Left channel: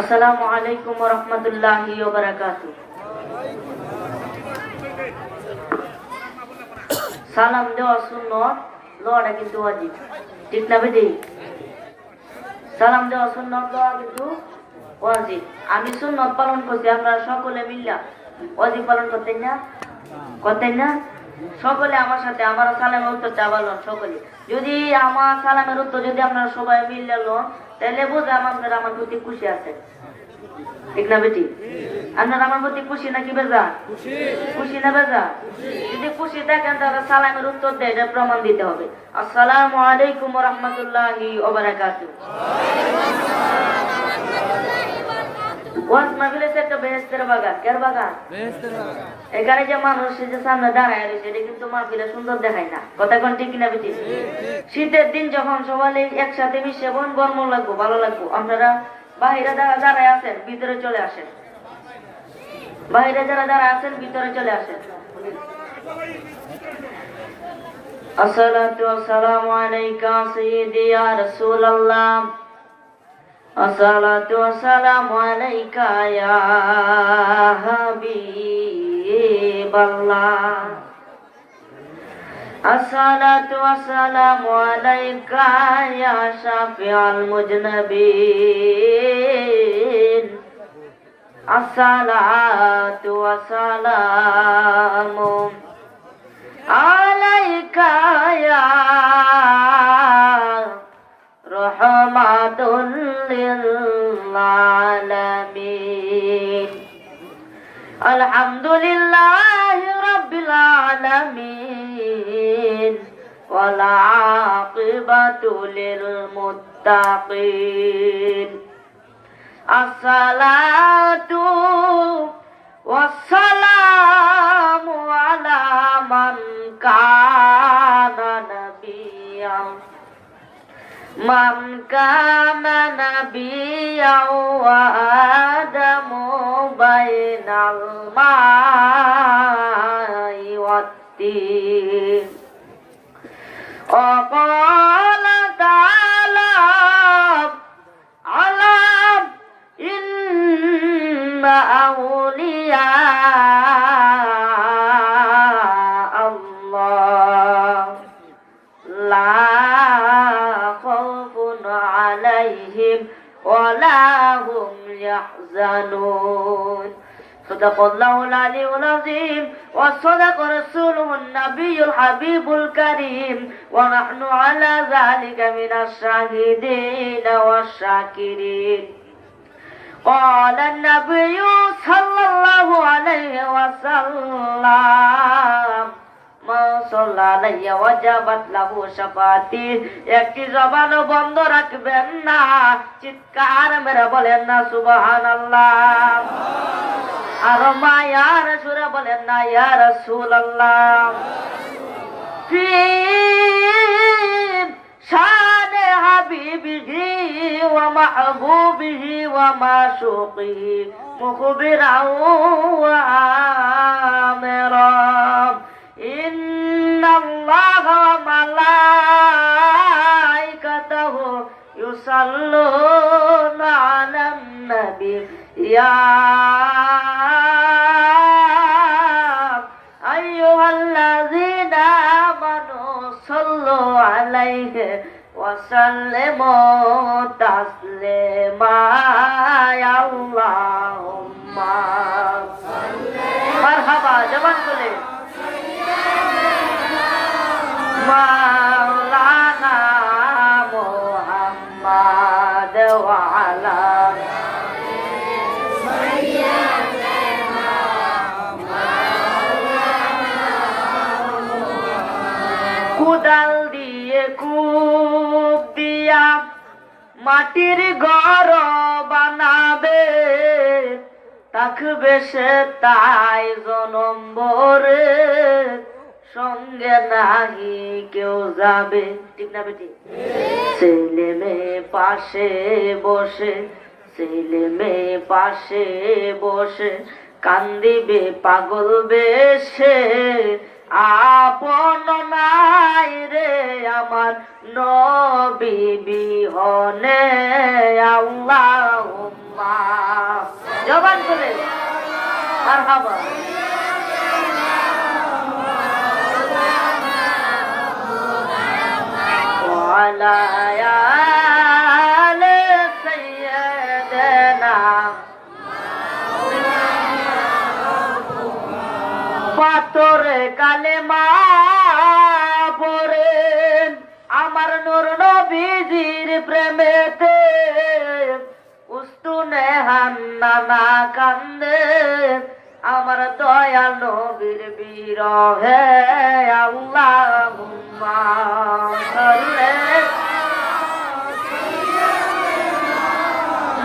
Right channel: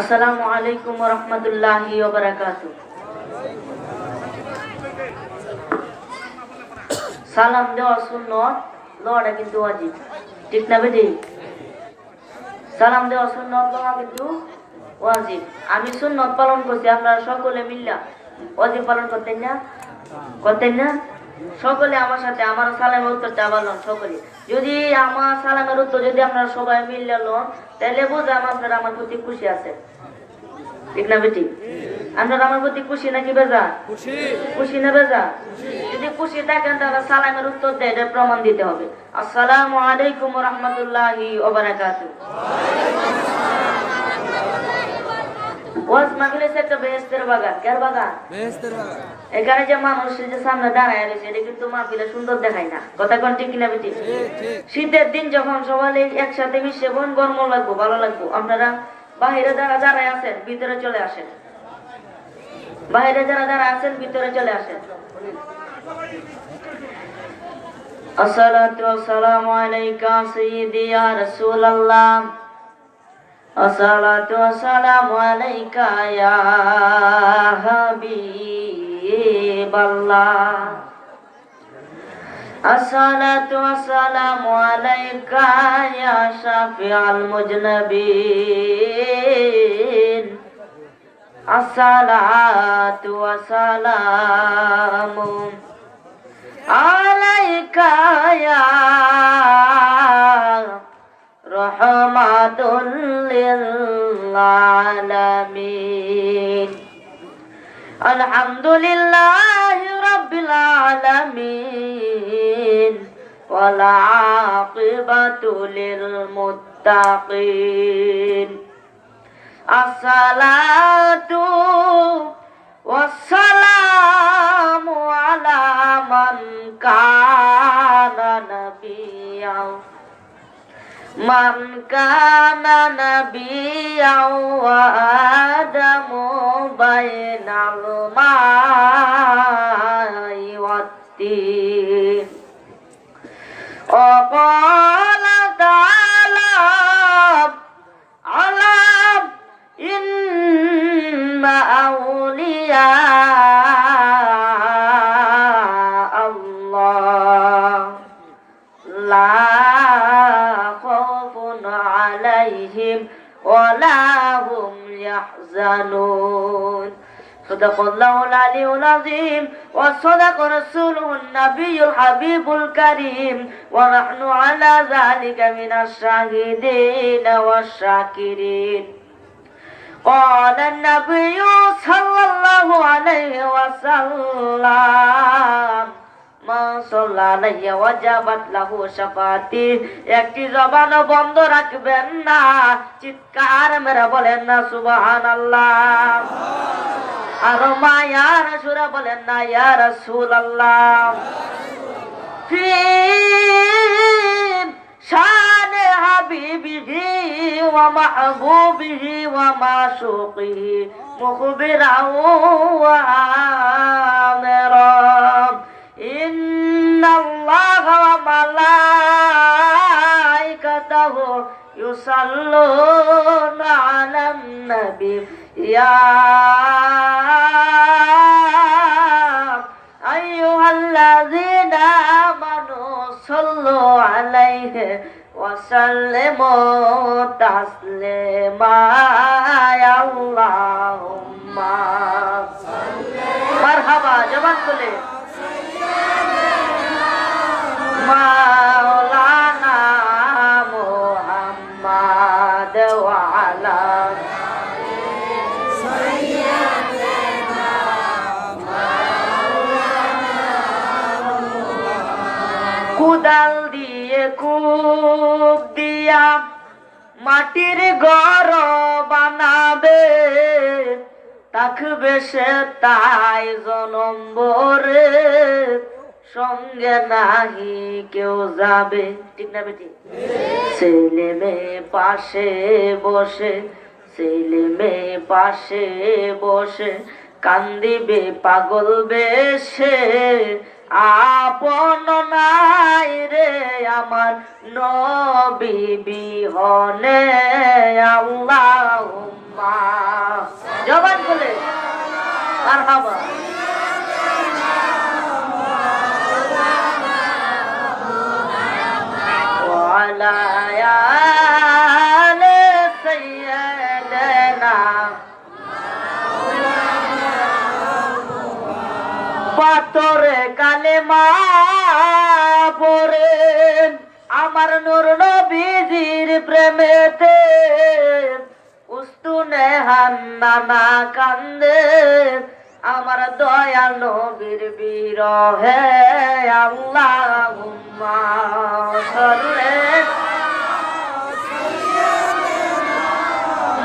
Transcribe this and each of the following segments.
আসসালামু আলাইকুম ওয়া রাহমাতুল্লাহি ওয়া বারাকাতুহু। সালাম দেওয়া সুন্নত, লওয়াটা কিন্তু ওয়াজিব, ঠিক না বেটি? সালাম দেওয়া সুন্নত, লওয়া কিন্তু ওয়াজিব। আমি সুন্নত পালন করছি, আপনারা সকলে মিল্লা ওয়াজিব পালন করতেন না? করতেন না? সকলে আমার সাথে আমার সালামের উত্তরটা বলুন সকলে। যদি আমার সালামের উত্তর যদি আপনারা সবাই মিললে লন, তাহলে বোঝাম আপনারা আমার প্রতি খুশি আছেন, ঠিক না বেটি? আপনারা আমার প্রতি খুশি নাকি বেজার? খুশি না বেজার? যদি খুশি থাকেন তাহলে সালামের উত্তর দেয়, এটা প্রমাণ দিতে হবে। আসসালামু আলাইকুম ওয়া রাহমাতুল্লাহি ওয়া বারাকাতুহু। ওয়াজ মাহফিলে একটা বেহেশতের বাগান, কার বাগান? বেহেশতের বাগান। এখানে যে মানুষ যে সামনে দাঁড়ায় আছে এটা কিন্তু মাহফিলে সুন্দর দেখায় না, কথা কোন ঠিক কিনা বেটি? শীতের দিন যখন সবাই একসাথে মিশে বোন গরম লাগবো, ভালো লাগবো। আপনারা বাইরে যারা দাঁড়ায় আছেন ভিতরে চলে আসেন, বাইরে যারা দাঁড়ায় আছেন ভিতরে চলে আসেন। আসসালাতু ওয়াসসালামু আলাইকা সাইয়্যিদি ইয়া রাসূলুল্লাহ। আসসালাতু ওয়াসসালামু আলাইকা ইয়া হাবিবাল্লাহ। আসসালাতু ওয়াসসালামু আলাইকা ইয়া শাফিউল মুজনাবিন। আসসালাতু ওয়াসসালামু আলাইকা ইয়া রাহমাতুল লিল আলামিন। আলহামদুলিল্লাহি রাব্বিল আলামিন ওয়াল আকিবাতু লিল মুত্তাকিন। আসসালাতু ওয়াসসালামু আলা মান কানা নাবিয়্যান ওয়া আদামু বাইনাল মাই ওয়াত-তিন। وقال تعالى ألم إن أولياء الله لا خوف عليهم ولا هم يحزنون. صدق الله العلي العظيم وصدق رسوله النبي الحبيب الكريم ونحن على ذلك من الشاهدين والشاكرين. قال النبي صلى الله عليه وسلم ما صلى علي وجبت له شفاعتي। একটি জবান বন্ধ রাখবেন না, চিৎকার মেরে বলেন না সুবহানাল্লাহ। আর মায়ার সুরে বলেন না ইয়া রাসূলুল্লাহ। ফি শান হাবিবিহি ওয়া মাহবুবিহি ওয়া মাশুকিহি মুখবিরান ওয়া আমিরা। ইন্নাল্লাহা ওয়া মালাইকাতাহু ইউসাল্লুনা আলান নবী ইয়া আইয়ুহাল্লাযীনা আমানু সাল্লু আলাইহি ওয়া সাল্লিমু তাসলিমা। আল্লাহুম্মা মারহাবা, জবান খুলে মাওলানা মুহাম্মদ ওয়া আলা কুদাল দিয়ে কূপ দিয়া মাটির ঘর বানাবে, থাকবে সে তাই জনম ভরে, সঙ্গে নাহি কেউ যাবে, ঠিক না বেটি? ছেলে মেয়ে পাশে বসে, ছেলে মেয়ে পাশে বসে কান্দিবে পাগল বেশে। আপন নাই রে আমার নবী বিহনে। আল্লাহুম্মা মারহাবা ওয়ালা আলে সাইয়্যিদানা পাথরে কালেমা পড়ে আমার নূর নবীজির প্রেমেতে উস্তুনে হান্নানা কান্দে আমার দয়াল নবীর বিরহে আল্লাহুম্মা সাল্লি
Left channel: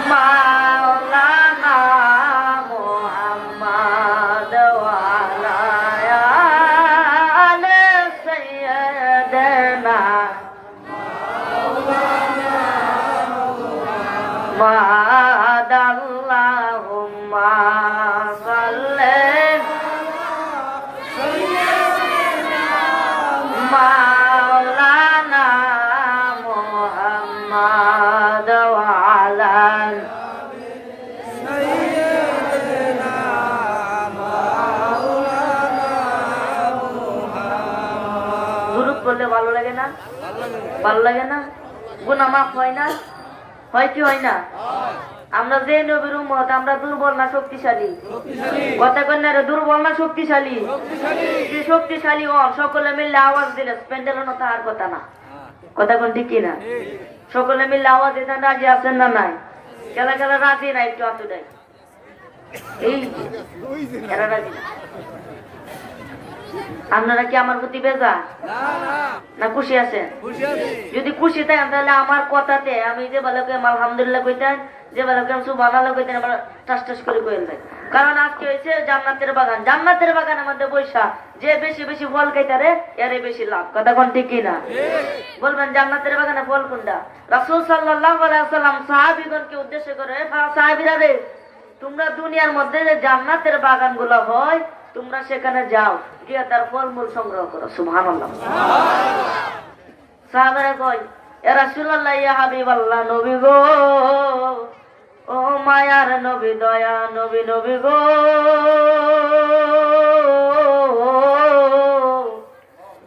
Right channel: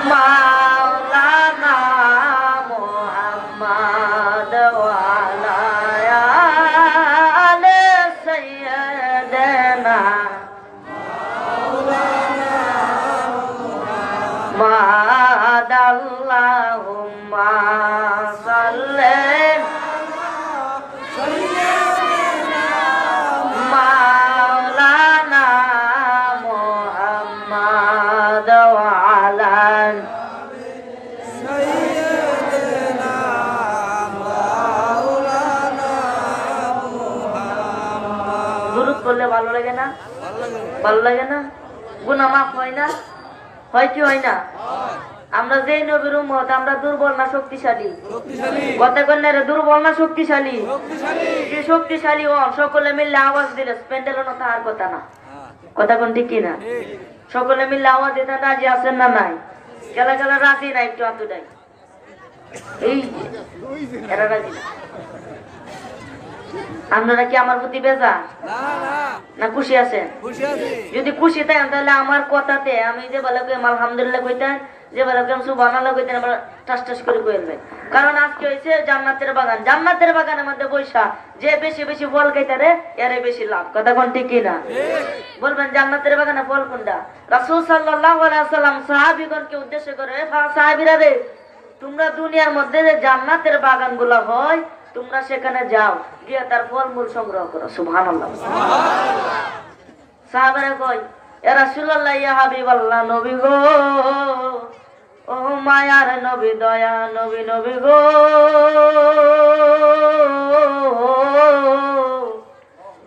মাওলানা মুহাম্মদ ওয়া আলা আলি সাইয়্যিদানা মাদাল্লাহুম্মা সাল্লি মাওলানা মুহাম্মদ ওয়া আলা সাইয়্যিদিনা মাওলানা মুহাম্মদ। দুরূদ পড়লে ভালো লাগে না? ভালো লাগে? ভালো লাগে না? গুনাহ মাফ হয় না? হয় কি হয় না? আমরা যে নবীর উম্মত আমরা দুর্বল না শক্তিশালী? শক্তিশালী। কথা কন্যা রে দুর্বল না শক্তিশালী? শক্তিশালী। যে শক্তিশালী ও সকলে মিলে আওয়াজ দিলে স্পেন্ডেল না তার কথা না। কথা কোন ঠিক না? ঠিক। সকলে মিলে আওয়াজ দিতে রাজি আছেন না নাই? কেলা কেলা রাজি নাই একটু হাত দেয়। এই এরা রাজি না। আপনারা কি আমার প্রতি বেজা না না না খুশি আছেন? খুশি আছি। যদি খুশি থাকেন তাহলে আমার কথাতে আমি যে ভালো করে আলহামদুলিল্লাহ কইতেন, যে ভালো করে সুবহানাল্লাহ কইতেন, আমরা টাস টাস করে কইল ভাই। কারণ আজকে হইছে জান্নাতের বাগান। জান্নাতের বাগানের মধ্যে বৈশা যে বেশি বেশি ফল খাইতারে এরে বেশি লাভ। কথা কোন ঠিক কি না? ঠিক। বলবেন জান্নাতের বাগানে ফল কোনটা? রাসূল সাল্লাল্লাহু আলাইহি ওয়াসাল্লাম সাহাবীগণকে উদ্দেশ্য করে, সাহাবীরা রে তোমরা দুনিয়ার মধ্যে যে জান্নাতের বাগানগুলো হয় তোমরা সেখানে যাও, গিয়ে তার ফলমূল সংগ্রহ করো। সুবহানাল্লাহ। সাহাবারা কই, ইয়া রাসূলুল্লাহ ইয়া হাবিবাল্লাহ, নবী গো, ও মায়ার নবী, দয়া নবী, নবী গো,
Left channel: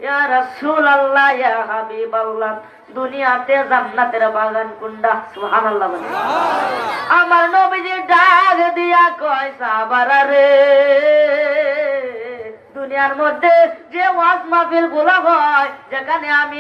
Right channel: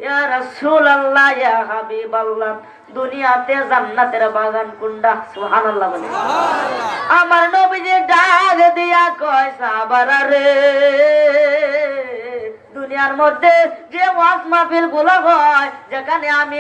ইয়া রাসূলুল্লাহ ইয়া হাবিবাল্লাহ, দুনিয়াতে জান্নাতের বাগান কোনটা? সুবহানাল্লাহ বলে। আমার নবীজি ডাক দিয়া কয়, সাহাবারা রে দুনিয়ার মধ্যে যে ওয়াজ মাহফিল গুলো হয়, যেখানে আমি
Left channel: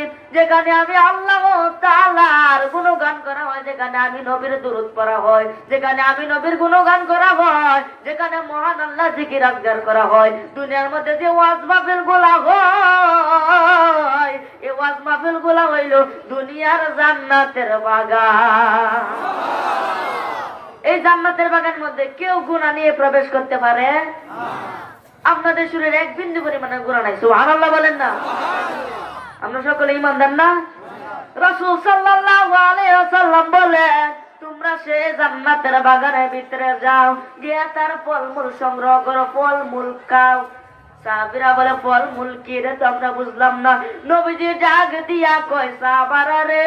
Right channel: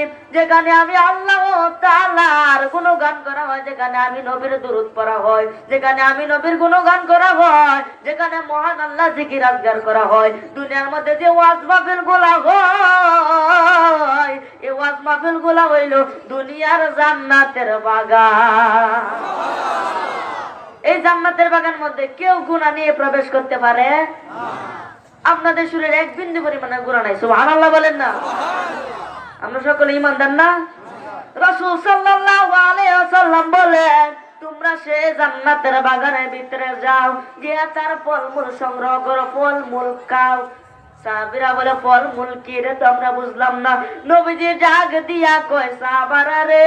আল্লাহ তাআলার গুণগান করা হয়, যেখানে আমি নবীর দুরূদ পড়া হয়, যেখানে আমি নবীর গুণগান করা হয়, যেখানে মহান আল্লাহ জিকির আজগার করা হয়, দুনিয়ার মধ্যে যে ওয়াজ মাহফিল গুলো হয়, এই ওয়াজ মাহফিল গুলো হইল দুনিয়ার জান্নাতের বাগান। এই জান্নাতের বাগানের মধ্যে কেউ গুনাহ নিয়ে প্রবেশ করতে পারে? আপনাদের শরীরে এক বিন্দু পরিমাণে গুনাহ নাই। সুবহানাল্লাহ বলেন না? আমরা সকলে ঈমানদার না? রাসূল সাল্লাল্লাহু আলাইহি ওয়াসাল্লাম বলেন, তোমরা সে জান্নাতের বাগানের ভিতরে যাও, গিয়ে তার ফলমূল সংগ্রহ করো, ফলমূল খাও। সাহাবীরা বলে, ফলমূল কি রে? তো আমরা বুঝলাম না। নবীজি ডাক দিয়া কয়, সাহাবারা রে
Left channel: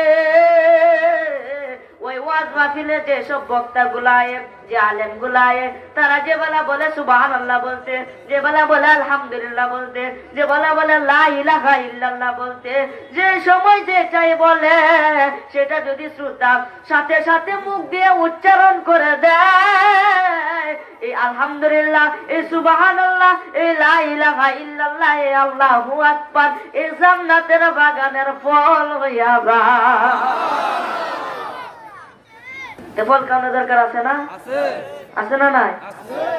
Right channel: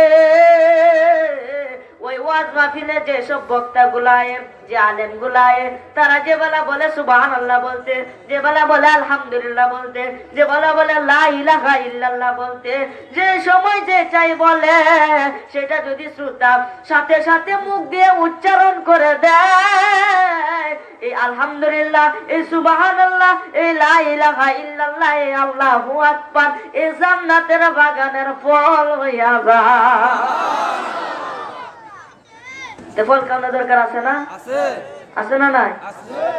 ওই ওয়াজ মাহফিলে যে সব বক্তা গুলায়, যে আলেম গুলায়, তারা যে বেলা বলে সুবহানাল্লাহ বলতে, যে বেলা বলে আলহামদুলিল্লাহ বলতে, যে বেলা বলে লা ইলাহা ইল্লাল্লাহ বলতে, যে সময় যে চাই বলে, সেটা যদি শ্রোতা সাথে সাথে মুখ দিয়ে উচ্চারণ করে দেয়, এই আলহামদুলিল্লাহ, এই সুবহানাল্লাহ, এই লা ইলাহা ইল্লাল্লাহ, এই আল্লাহু আকবার, এই জান্নাতের বাগানের ফল হইয়া যায়। ফল খাওয়ানোর দরকার আছে না? আছে না নাই?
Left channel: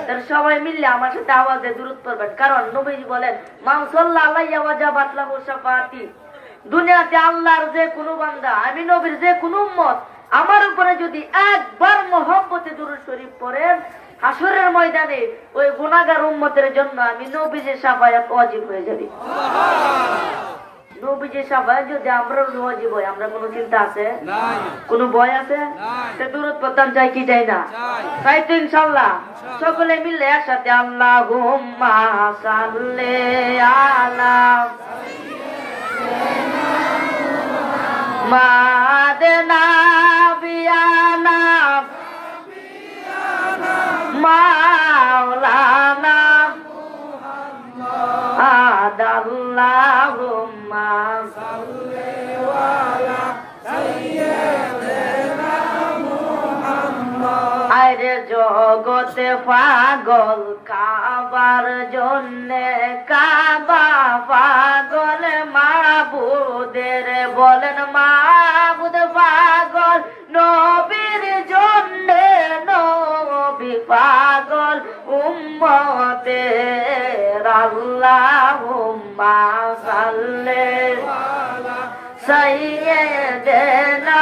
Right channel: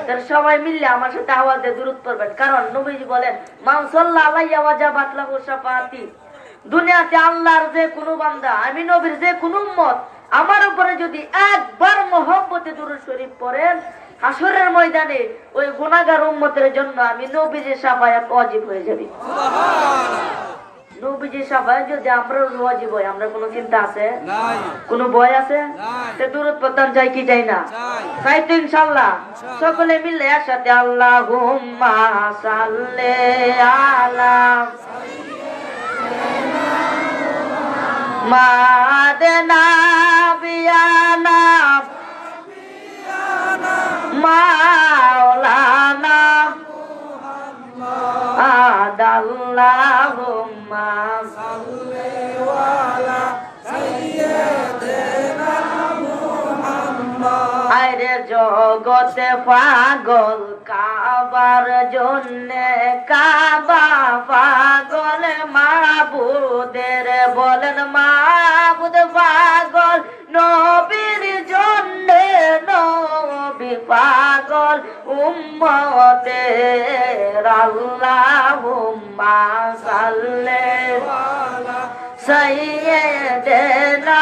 তাহলে সবাই মিললে আমার সাথে আওয়াজে দুরূদ পড়বেন। কারণ নবীজি বলেন, মান সাল্লাল্লাহু আলাইহি ওয়াজাবাত লাহু শাফাআতি। দুনিয়াতে আল্লাহর যে কোনো বান্দা, আমি নবীর যে কোনো উম্মত, আমার উপরে যদি একবার মহব্বতে দুরূদ শরীফ পড়েন, হাসরের ময়দানে ওই গুনাহগার উম্মতের জন্য আমি নবীজির শাফায়াত ওয়াজিব হয়ে যাবে। সুবহানাল্লাহ। নবীজির শাফায়াত যদি আমরা ওয়াজিব হয়, আমরা কোনো চিন্তা আছে? নাই। কোনো ভয় আছে? নাই। তে দুরূদ পড়তাম চাই কি চাই না? চাই। তাই তো ইনশাআল্লাহ সকলে মিলে একসাথে আল্লাহুম্মা সাল্লি আলা মাদনা বিয়ানা মাওলানা আরে জগতে পাগল কাবার জন্যে, কাবা পাগল মাবুদের, বলেন মাবুদ পাগল নবীর জন্যে, নবী পাগল উম্মতের। আল্লাহুম্মা সাল্লি আলা সাইয়্যিদিনা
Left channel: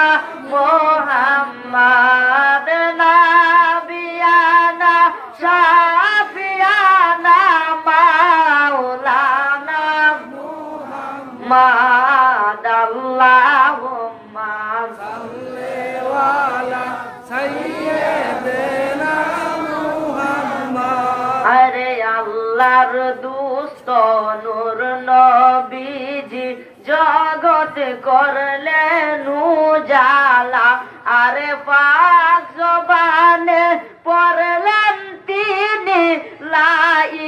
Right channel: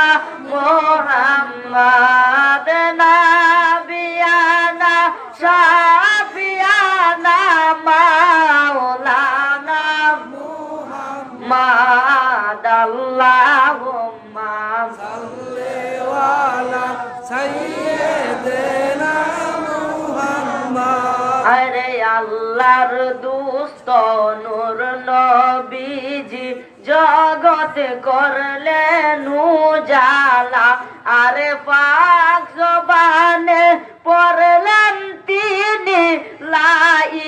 মুহাম্মাদ নাবিয়ানা শাফিয়ানা মাওলানা মুহাম্মাদ। আল্লাহুম্মা সাল্লি আলা সাইয়্যিদিনা মুহাম্মদ। আরে আল্লাহর দুস্ত নূর নবীজি জগৎ করলেন উজালা, আরে পাক জবানে পড়লেন তিনি লা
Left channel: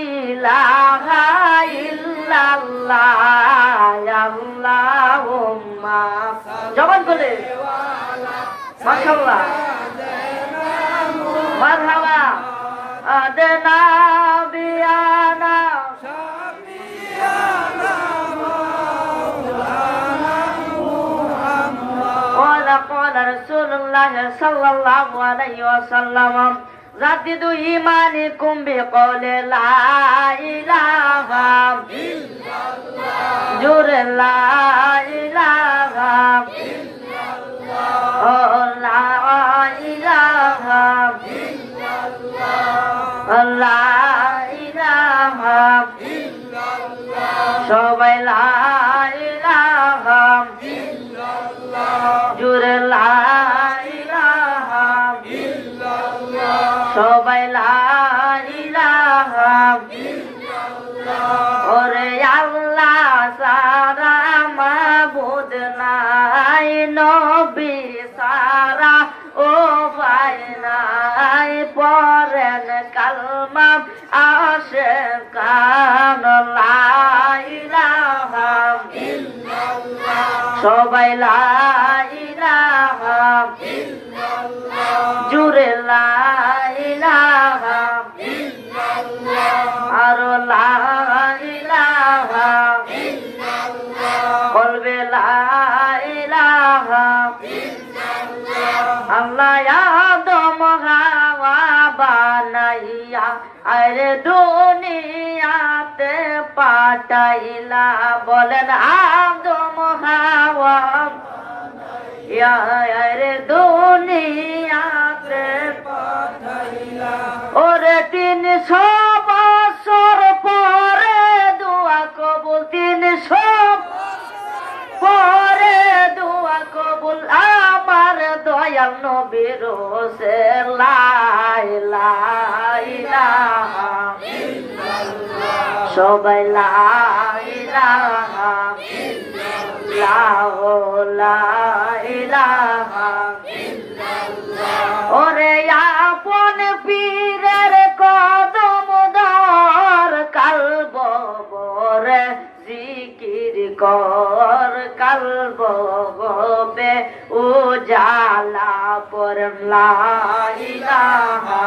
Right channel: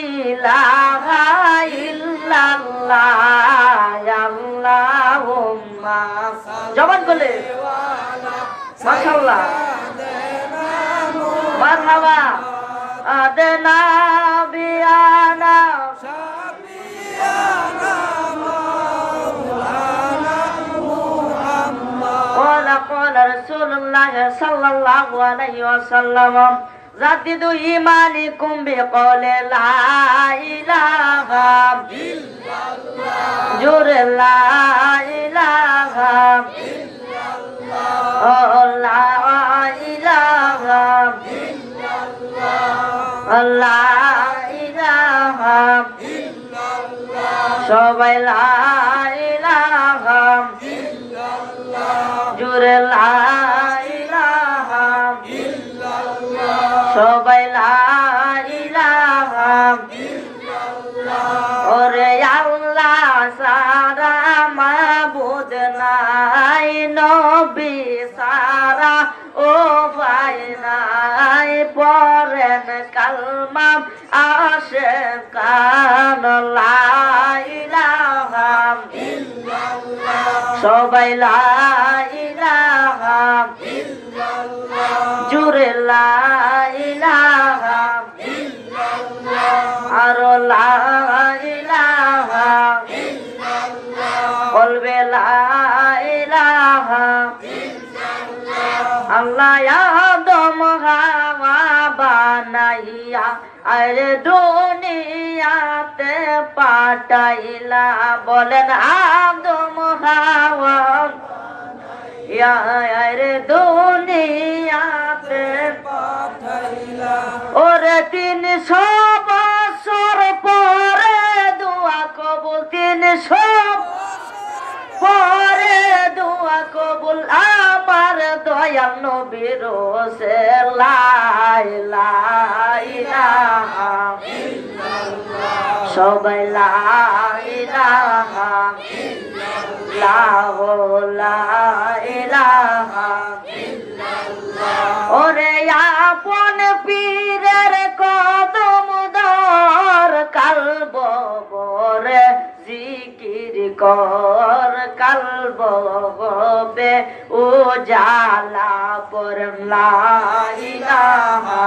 ইলাহা ইল্লাল্লাহ। আল্লাহুম্মা জবান খুলে মাশাআল্লাহ মারহাবা আদনা বিয়ানা সাফিয়ানা মাওলানা মুহাম্মদ। قال رسول الله صلى الله عليه وسلم جددوا إيمانكم بقول لا إله إلا الله، جور لا إله إلا الله، لا إله إلا الله، لا إله إلا الله، সবাই লা ইলাহা ইল্লাল্লাহ, জোরে লা ইলাহা ইল্লাল্লাহ, সবাই লা ইলাহা ইল্লাল্লাহ। ওরে আল্লাহ সারা মাবুদ নাই, নবী সারা ও ভাই নাই, পরেন কালমা আশিকান লা ইলাহা ইল্লাল্লাহ, সবাই লা ইলাহা ইল্লাল্লাহ, জোরে লা ইলাহা ইল্লাল্লাহ, আর লা ইলাহা ইল্লাল্লাহ, বলবে লা ইলাহা ইল্লাল্লাহ। আল্লাহ আদম হাওয়া বানাইয়া আরে দুনিয়াতে পাঠাইলা, বলেন আদম হাওয়া আরে দুনিয়াতে পাঠাইলা। ওরে 300 বছর পরে দোয়া কবুল, 300 পরে দোয়া কবুল আমার দয়াল নবীর হোসেন। লা ইলাহা ইল্লাল্লাহ, সবাই লা ইলাহা ইল্লাল্লাহ, লা ইলাহা ইল্লাল্লাহ। ওরে আপন পীরের কদম ধর, কালব বরে জিকির কর, কালব হবে উজালা পর। লা ইলাহা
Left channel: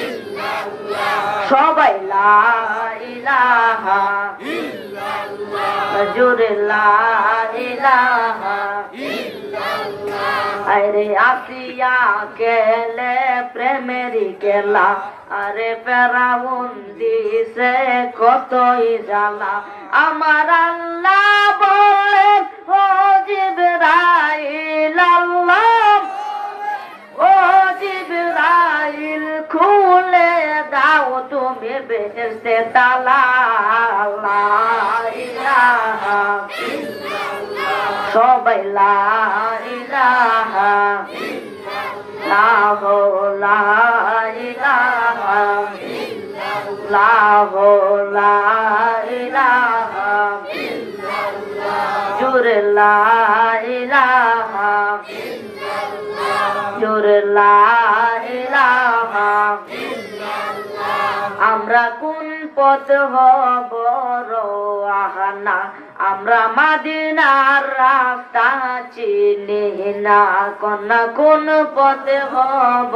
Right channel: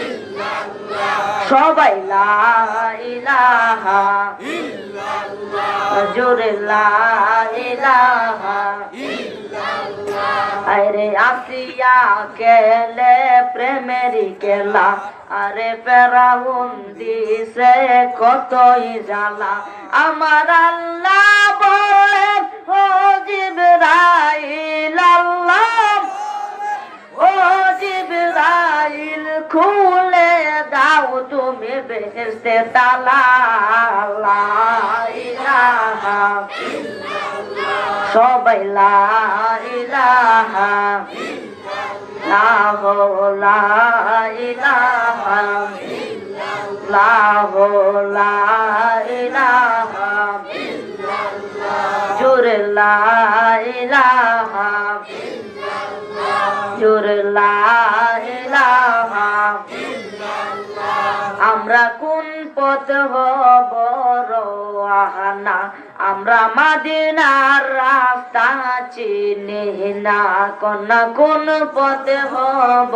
ইল্লাল্লাহ, সবাই লা ইলাহা ইল্লাল্লাহ, জোরে লা ইলাহা ইল্লাল্লাহ। আরে আসিয়া কেলে প্রেমেরই কেলা, আরে ফেরাউন দিছে কতই জ্বালা, আমার আল্লাহ বলেন ও জিবরাইল, আল্লাহ ও জিবরাইল খুলে দাও তুমি বেহেশতে তালা। লা ইলাহা ইল্লাল্লাহ, সবাই লা ইলাহা ইল্লাল্লাহ, লা ইলাহা ইল্লাল্লাহ, লা ইলাহা ইল্লাল্লাহ, জোরে লা ইলাহা ইল্লাল্লাহ, জোরে লা ইলাহা ইল্লাল্লাহ। আমরা কোন পথ হব রওয়ানা, আমরা মদিনার রাস্তা চিনি না, কোন পথে হব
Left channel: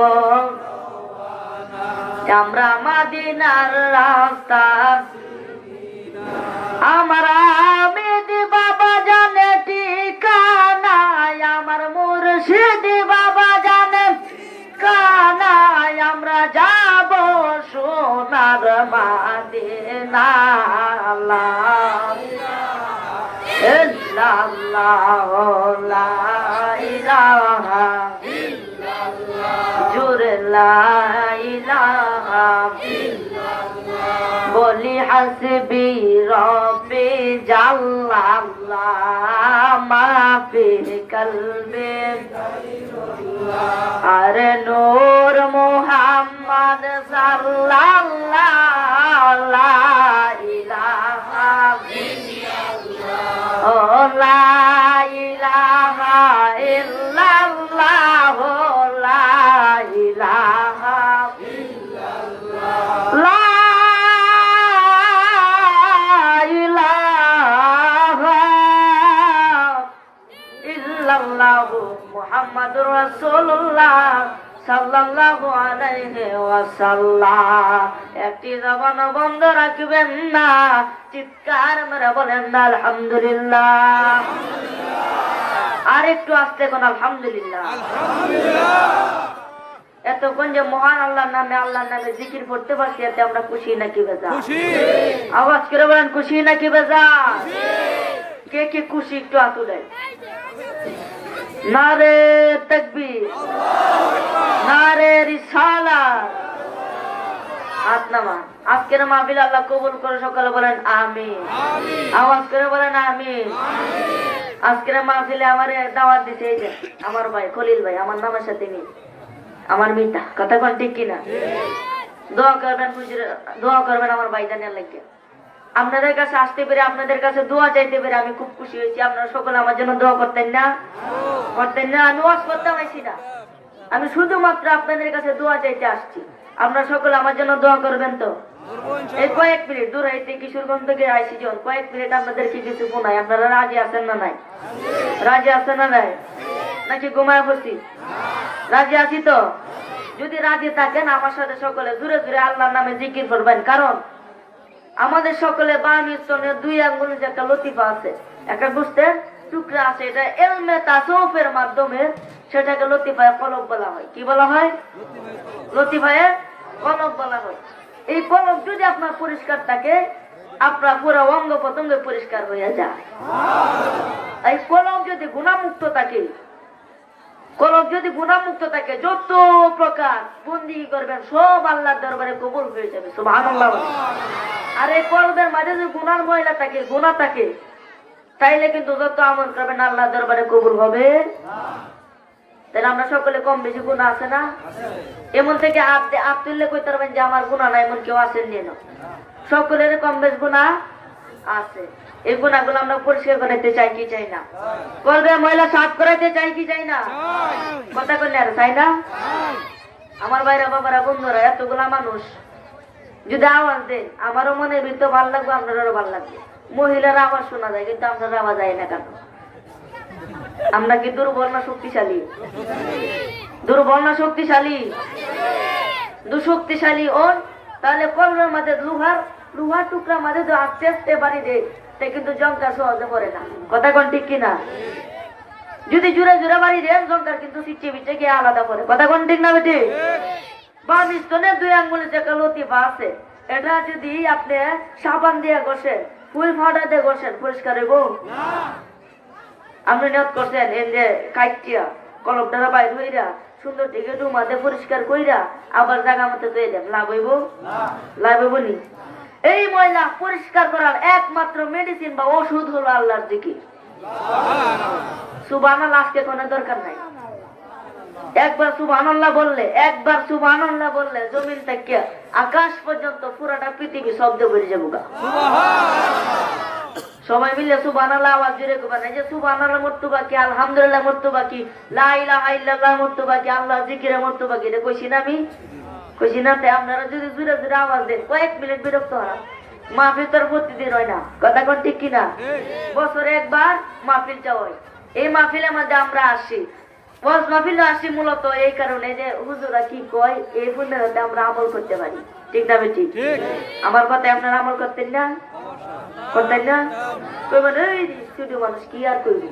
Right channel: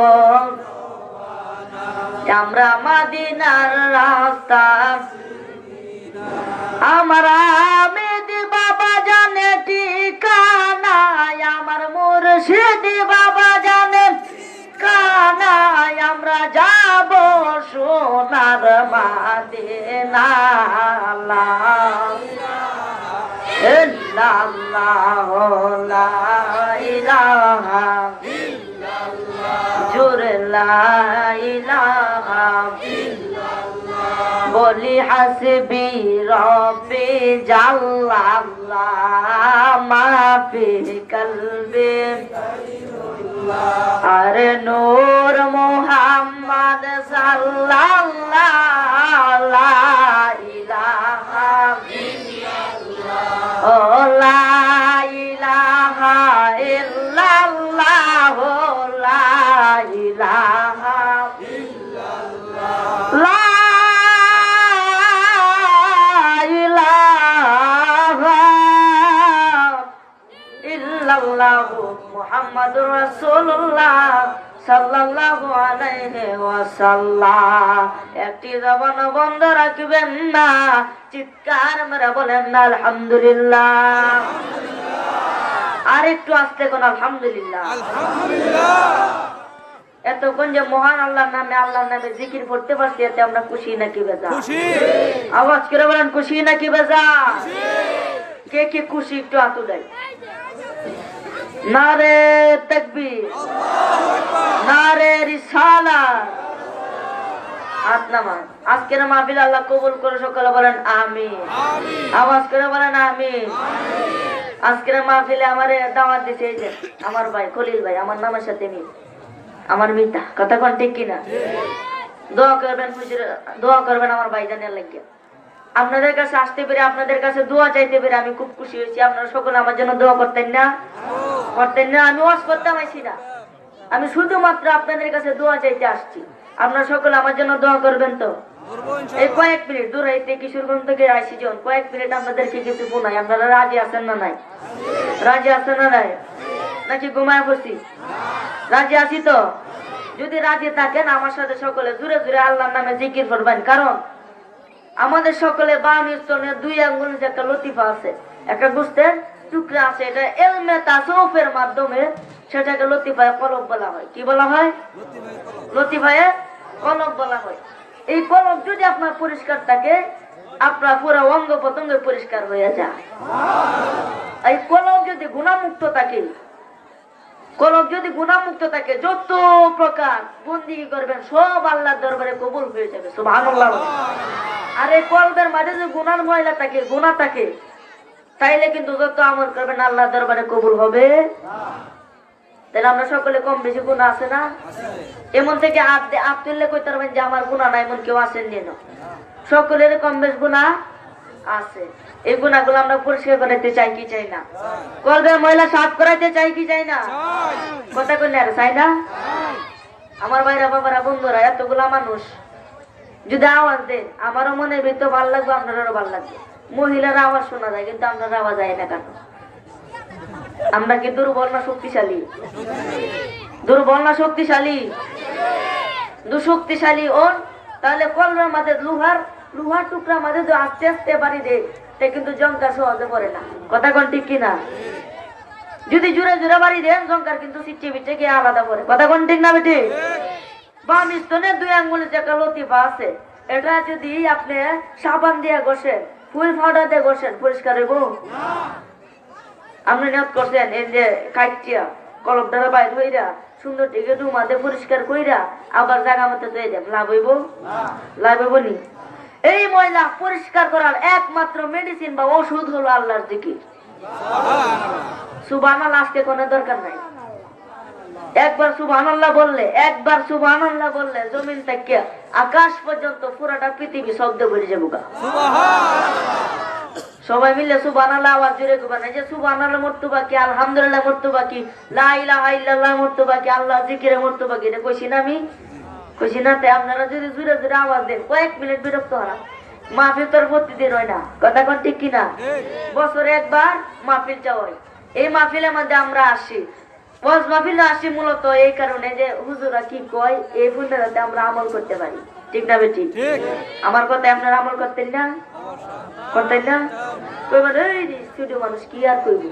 আমরা মাদিনার রাস্তা আমার আমিদ বাবা জানে ঠিকানা আমার মুর্শিদ বাবা জানে কানায় আমরা যাব সোনার মাদিনা লা ইল্লাল্লাহু লা ইলাহা জোরে লা ইলাহা বলি হাসবি রব্বি জাল্লাল্লাহ মা ফি কলবি আরে নূর মুহাম্মদ সাল্লাল্লাহু লা ইলাহা ইল্লাল্লাহ ও লা ইলাহা ইল্লাল্লাহ লা ইলাহা ইল্লাল্লাহ লা ইলাহা ইল্লাল্লাহ মুহাম্মাদুর রাসূলুল্লাহ সাল্লাল্লাহু আলাইহি ওয়াসাল্লাম। একটি জবান বন্ধ রাখবেন না, চিৎকার মেরে বলেন না আলহামদুলিল্লাহ। আর একটু আস্তে কোন আলহামদুলিল্লাহ। এতক্ষণ যে মহান আল্লাহর নামে জিকির করতে পারছি, এতে আমরা খুশি নাকি বেজা? আওয়াজ করে বলেন খুশি নাকি বেজা? কে কে খুশি একটু হাত উঠাই। নারে তাকবীর, নারে রিসালাত। হাত নামান। আজকের মাহফিল আল্লাহ কবুল করে সকালে বলেন আমিন। আওয়াজ করে বলেন আমিন। আজকের মাহফিলে আমারে দাওয়াত দিছে এই যে আমার ভাই খলিল ভাই, আমার নামের সাথে মিল, আমার মিতা। কথা কোন ঠিক কিনা? দোয়া করবেন হুজুর, দোয়া করবেন আমার ভাইজানের লাগে। আপনাদের কাছে আসতে পেরে, আপনাদের কাছে দোয়া চাইতে পেরে আমি খুব খুশি হয়েছি। আপনারা সকলে আমার জন্য দোয়া করতেন না? করতেন না? আমি ওয়াজ করতে পারছি না, আমি শুধুমাত্র আপনাদের কাছে দোয়া চাইতে আসছি। আপনারা সকলে আমার জন্য দোয়া করবেন তো? এই কয়েক মিনিট দূর হইতে কিশোরগঞ্জ থেকে আইসি যখন কয়েক মিনিট আপনাদেরকে কিছু শোনাই। আপনারা রাজি আছেন না নাই? রাজি আছেন না নাই? নাকি ঘুমায় বসি? রাজি আছি তো? যদি রাজি থাকেন আমার সাথে সকলে জুড়ে জুড়ে আল্লাহর নামে জিকির করবেন। কারণ আমাদের সকলে বাম স্তনের দুই আঙ্গুলের যে একটা লতিফা আছে, একটা গোস্তের টুকরা আছে, এটা এলমে তাসাউফের মাধ্যমে সেটাকে লতিফায়ে কলব বলা হয়। কি বলা হয়? লতিফায়ে কলব বলা হয়। এই কলব যদি আপনার পরিষ্কার থাকে, আপনার পুরো অঙ্গ প্রত্যঙ্গ পরিষ্কার হয়ে যায়। এই কলব যদি গুণামুক্ত থাকে, কলব যদি গুণামুক্ত থাকে, যত প্রকার বন্দি করবেন সব আল্লাহর দরবারে কবুল হয়ে যাবে। সুবহানাল্লাহ। আর এই কলবের মাঝে যদি গুনার ময়লা থাকে, গুনাহ থাকে, তাইলে কিন্তু যত আমল করবেন আল্লাহর দরবারে কবুল হবে না। তাহলে আমরা সকলে কম বেশি গুনাহ আছে না? এমন থেকে হাত তুললে কইতে পারবেন যে আমার গুনাহ নাই, এমন কেউ আছেন না? সকলের কম বেশ গুনাহ আছে। এই গুনাহগুলো আমরা পরিষ্কার করাইতে চাই কি চাই না? কলবের ময়লা সাফ করাইতে চাই কি চাই না? কথা কইলে আর চাই না? আমার ভাইরা বাবারা বন্ধুরা, এতগুলা মানুষ যদি আওয়াজ দেন, আমারও মনে ভিতর ভালো লাগবে, আপনারও ভালো লাগবে। মহিলারা আওয়াজ শোনা যায়, কিন্তু আপনারা আওয়াজ যায় না কেন? আমরা কি দুর্বল না শক্তিশালী? দুর্বল না শক্তিশালী? দুশক্তিশালী ওন। তাহলে কলমের মাঝে লোহার টুকরা মাঝে যদি আস্তে আস্তে বাড়ি দেয়, তা কিন্তু জঙ্কার সহজে পড়ে না। কথা কোন ঠিক কিনা? যদি জোরে জোরে বাড়ি দেন, জঙ্কার কিন্তু সিটে বিটে গিয়ে আলাদা করে। কথা কোন ঠিক না বেটি? বাম স্তনের দুই আঙ্গুলের যে লতিফা আছে, এটা যদি আপনি সাবান দিয়ে ঘষেন, ফুল ফাঁটা দিয়ে ঘষেন, পরিষ্কার হইব? আপনি নিয়ত করছেন এর যে কাইটিয়া কলম দ্বারা বাইর হইরা সুন্দর থেকে রুমাতে পরিষ্কার কইরা আবার জায়গা মতো দিয়ে দেন, লাভ হইব? লাভ হইব নি? এই ময়লা পরিষ্কার করার একমাত্র মেডিসিন বা ওষুধ হলো আল্লাহর জিকির। সুবহানাল্লাহ আজকে কোনো দরকার নাই। একবার সুবহানাল্লাহ বললে জমিন থেকে আকাশ পর্যন্ত পুরোটা পৃথিবী শব্দ করে যাবো। সবাই মিলে সুবহানাল্লাহ আওয়াজ জোরে করবেন। এই যে সুবহানাল্লাহ মর্তবা কি, আলহামদুলিল্লাহ মর্তবা কি, লা ইলাহা ইল্লাল্লাহ মর্তবা কি, আল্লাহ জিকিরে মর্তবা কি, এটা কইছি না আমি? কইছি না? তে আপনারা যদি জোরে জোরে আওয়াজ দেন, কয়েক মিনিট বিরক্ত হারাম। মাহফিল তোর প্রতিদিন হয় না। কথা কোন ঠিক কিনা? বছরে একবার মাহফিলটা হয়। এই মাহফিলের মধ্যে আমরা আসি, ওয়াজ মাহফিলে আসি মূলত এই কারণে যে হুজুরা কি কয় এই ফুলটাতে আমরা আমল করতে পারি, ঠিক না বেটি? ঠিক। আমার কথা আপনারা আমল করতেন না? করতেন না? কইবেন এই ছোট মানুষ কি আর কইব?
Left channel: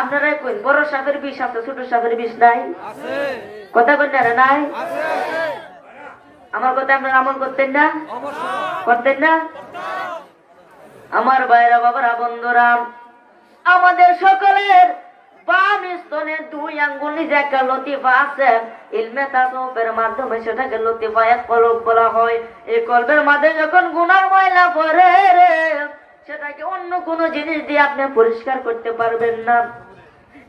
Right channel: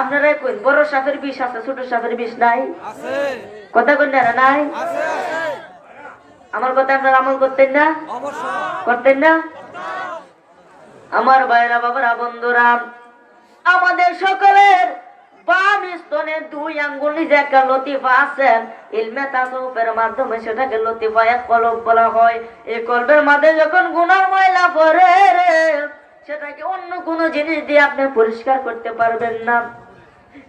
আপনারা কইন বড় সাপের বিষ আছে, ছোট সাপের বিষ নাই? আছে। কথা কইন না নাই? আছে। আমার কথা আপনারা আমল করতেন না? অবশ্যই। করতেন না? আমার ভাইরা বাবারা বন্ধুরা, আমাদের সকলের বাম স্তনে 2 আঙ্গুল নিজে একটা লতিফা আছে। ইলমে তাসাউফের মাধ্যমে সেটাকে লতিফা এক কলব বলা হয়। এই কলবের মাঝে যখন গুনাহ ময়লা পড়ে রে, সেটাকে অন্য কোনো জিনিস দিয়ে আপনি পরিষ্কার করতে পারবেন না।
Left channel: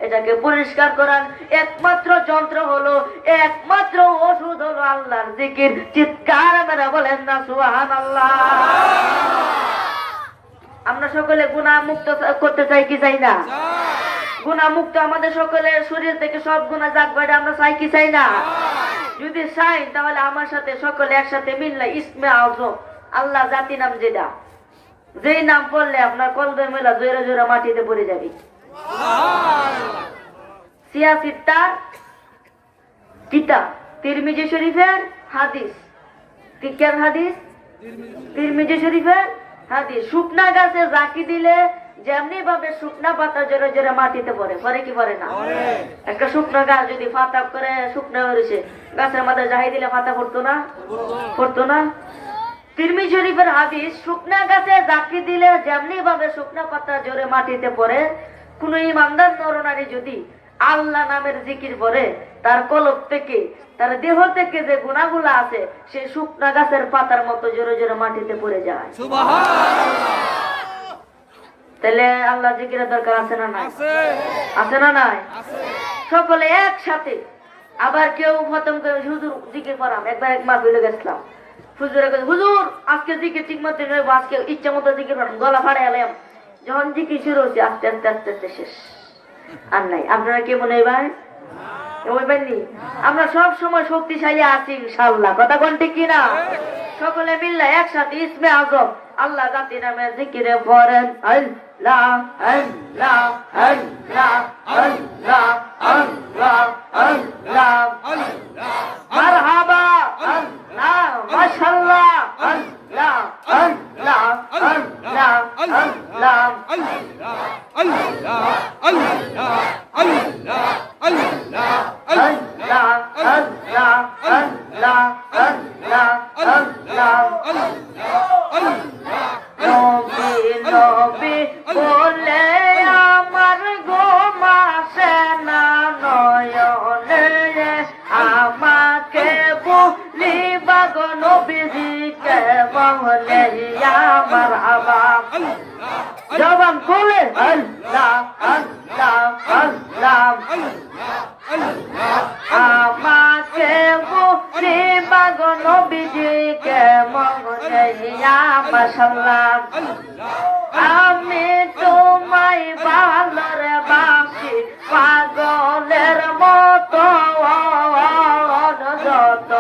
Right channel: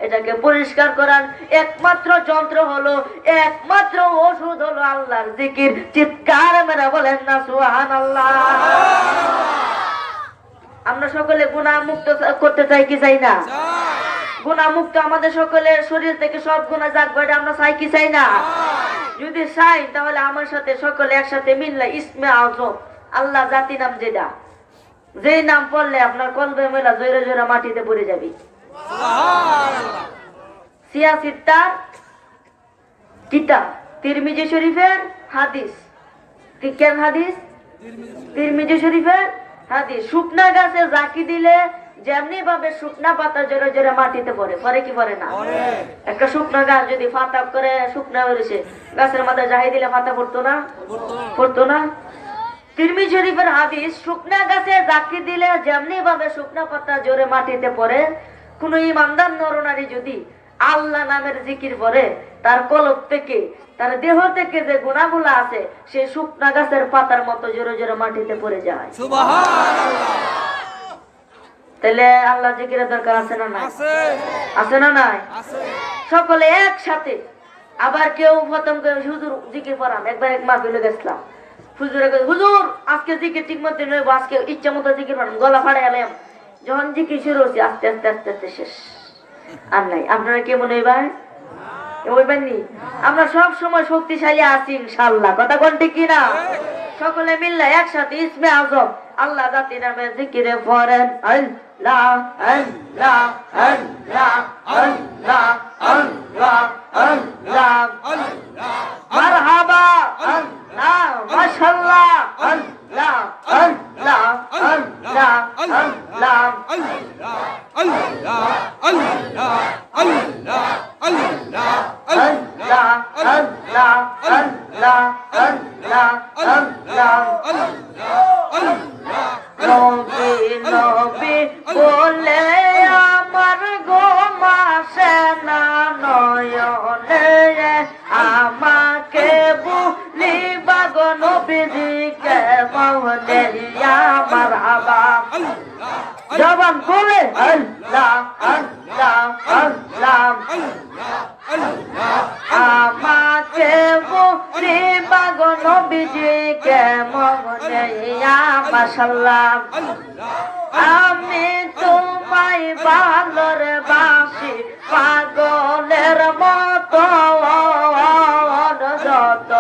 এটাকে পরিষ্কার করার একমাত্র যন্ত্র হলো, একমাত্র ওষুধ হলো আল্লাহর জিকির। চিৎকার মেরে বলেন না সুবহানাল্লাহ। আমরা সকলে গুনাহ মুক্ত করতে চাই কি চাই না? চাই। গুনাহ মুক্ত আমাদের সকলের শরীর থেকে সব গুনাহ যাক বাইরে, আমরা চাই কি চাই না? যদি চাই তাহলে আমার সাথে সকলে একসাথে মিললে ইসমে আযম, আল্লাহ জাতি নাম যেটা, যেই নাম পড়লে আপনার কলবে মেলা জোরে জোরে মাটিতে পড়ে যাবে। সুবহানাল্লাহ। 86টা কিতাব, তিরমিজি শরীফের হাদিস, কেন হাদিস? তিরমিজি শরীফের হাদিস। শুকনা গাছে জাকি দিলে যেমনি ভাবে শুকনা পাতা জোরে জোরে মাটিতে পড়ে, পরে কি পড়ে না? পরে। একটা শুকনা গাছ যদি পাতা করে শুকনা করেছে, গাছের মাঝে জাহাই দিলে পাতা পড়তো না? পড়তো না? তিরমিজি শরীফের হাদিস, শুকনা গাছে জাকি দিলে যেমনি ভাবে শুকনা পাতা জোরে মাটিতে পড়ে, কোন ইমানদার নরনারী যদি আল্লাহ নামের জিকির পড়ে, তার কলব থেকে, তার দেহ থেকে যে গুনাহগুলো আছে সেই শুকনা গাছের পাতার মতো জোরে জোরে মাটিতে পড়ে যায়। সুবহানাল্লাহ। তাহলে আল্লাহ জিকিরের দরকার আছে না নাই? আছে। আছে না নাই? আছে। সকলে একসাথে। আবার কেউ প্রথম করে হুজুর জিকির পড়ান, একবার এক মাহফিলে গেছিলাম, হুজুরে কয়, হুজুর আজকে জিকির ঠিক মতো নয়, আজকে ইচ্ছা মতো জিকির পড়ান, গলা ফাড়ে এলাম। যখন জিকির শুরু হচ্ছে আস্তে আস্তে আস্তে আস্তে শেষ, আর নাই। আপনারা কে মনে হয় বলবেননি? আমরা সব সময় শক্তিশালী আছি ইনশাআল্লাহ, কথা কোন ঠিক কিনা? সকলে মিললে একসাথে ইসমে আযম আল্লাহ জাতি নামে জিকিরে পড়েন, আল্লাহ আল্লাহ আল্লাহ আল্লাহ আল্লাহ আল্লাহ মারহাবা আল্লাহ মাশাআল্লাহ আল্লাহ আল্লাহ আল্লাহ আল্লাহ বলে আমার গোমাসে না নয়নে, আমাকে বলিবা গো নবীজিকে বলে আমার হাবা। জবান বলে আল্লাহ আল্লাহ আল্লাহ, আমাকে বলিবা গো নবীজিকে বলে মাশাআল্লাহ। আমি তোমায় ভালোরে বাসি পাগলের মতো, যত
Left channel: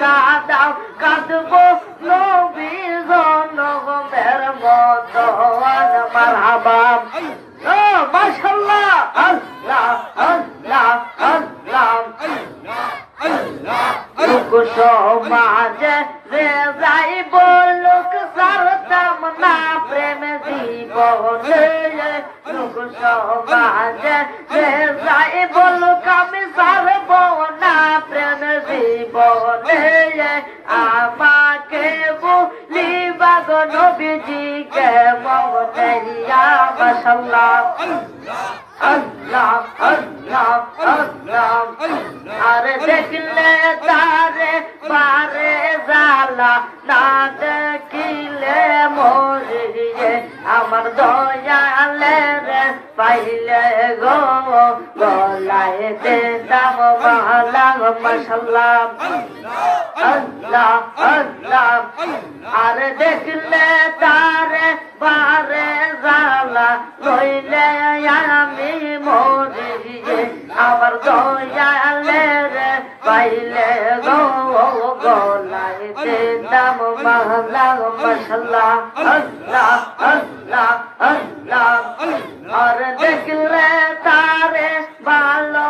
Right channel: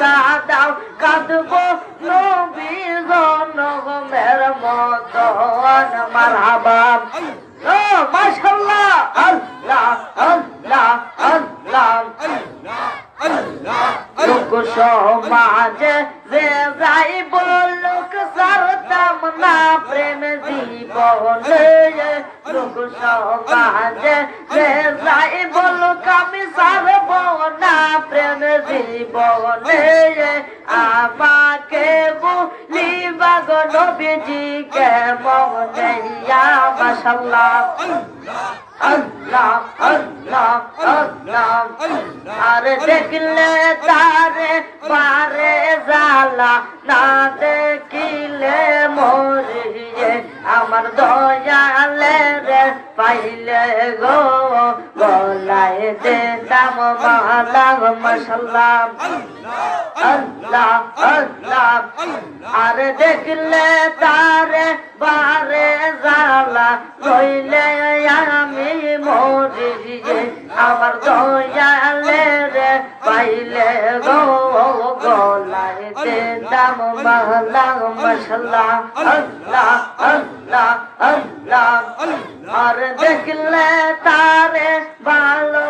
কাঁদাও কাঁদবো নবীর জনমের মতো। মারহাবা মাশাআল্লাহ আল্লাহ আল্লাহ আল্লাহ। লোক সমাজে যে যাই বলুক সারতাম না প্রেম জীবনে, লোক সমাজে যে যাই বলুক আমি সারব না প্রেম জীবনে, আমাকে বলিবা গো নবীজিকে মনে মাশাআল্লাহ আল্লাহ আল্লাহ আল্লাহ। আরে দেখলে তারে পারে জালা, না দেখিলে মরিয়ে আমার দয়ালে রে পাইলে গো, গলায় দে দাম মালা মাশাআল্লাহ আল্লাহ আল্লাহ। আরে দেখলে তারে বারে জালা, লইলে আমি মরিয়ে আমার দয়ালে রে পাইলে গো, গলায় দে দাম মালা মাশাআল্লাহ আল্লাহ আল্লাহ আল্লাহ। আর দেখলে তারে ভালো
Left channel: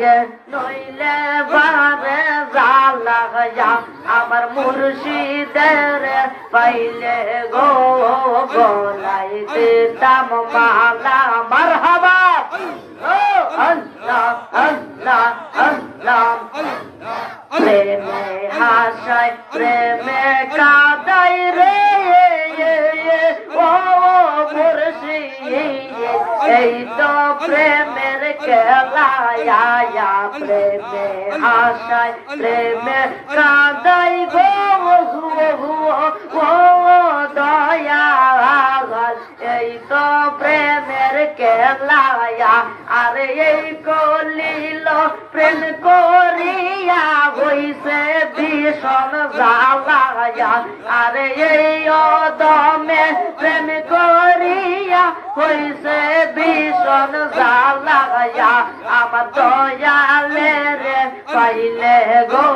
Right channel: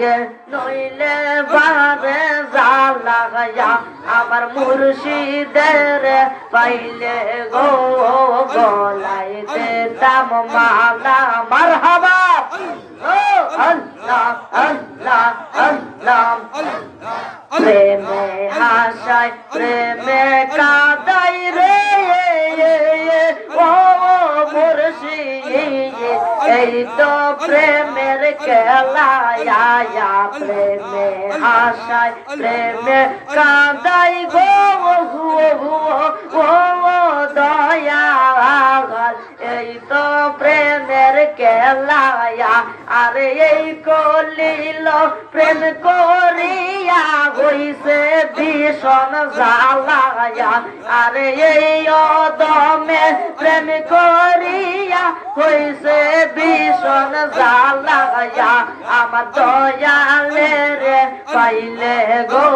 লাগে নইলে বারে জালায়া আমার মুর্শিদের পাইলে গো গলাই দিতাম মালা মারহাবা আল্লাহ আল্লাহ আল্লাহ প্রেমে হাসাই প্রেমে কাদাই রে ও মুর্শিদ এই তো প্রেমের খেলা প্রেমে হাসাই প্রেমে কাদাই গো দয়া এই তো প্রেমের খেলা আরে এই কলিল প্রেম করিয়া হইছে ভীষণ জ্বালায়া আরে এই অদমে প্রেম করিয়া হইছে ভীষণ জ্বালায়া আমার দয়ালে রে পাইলে গো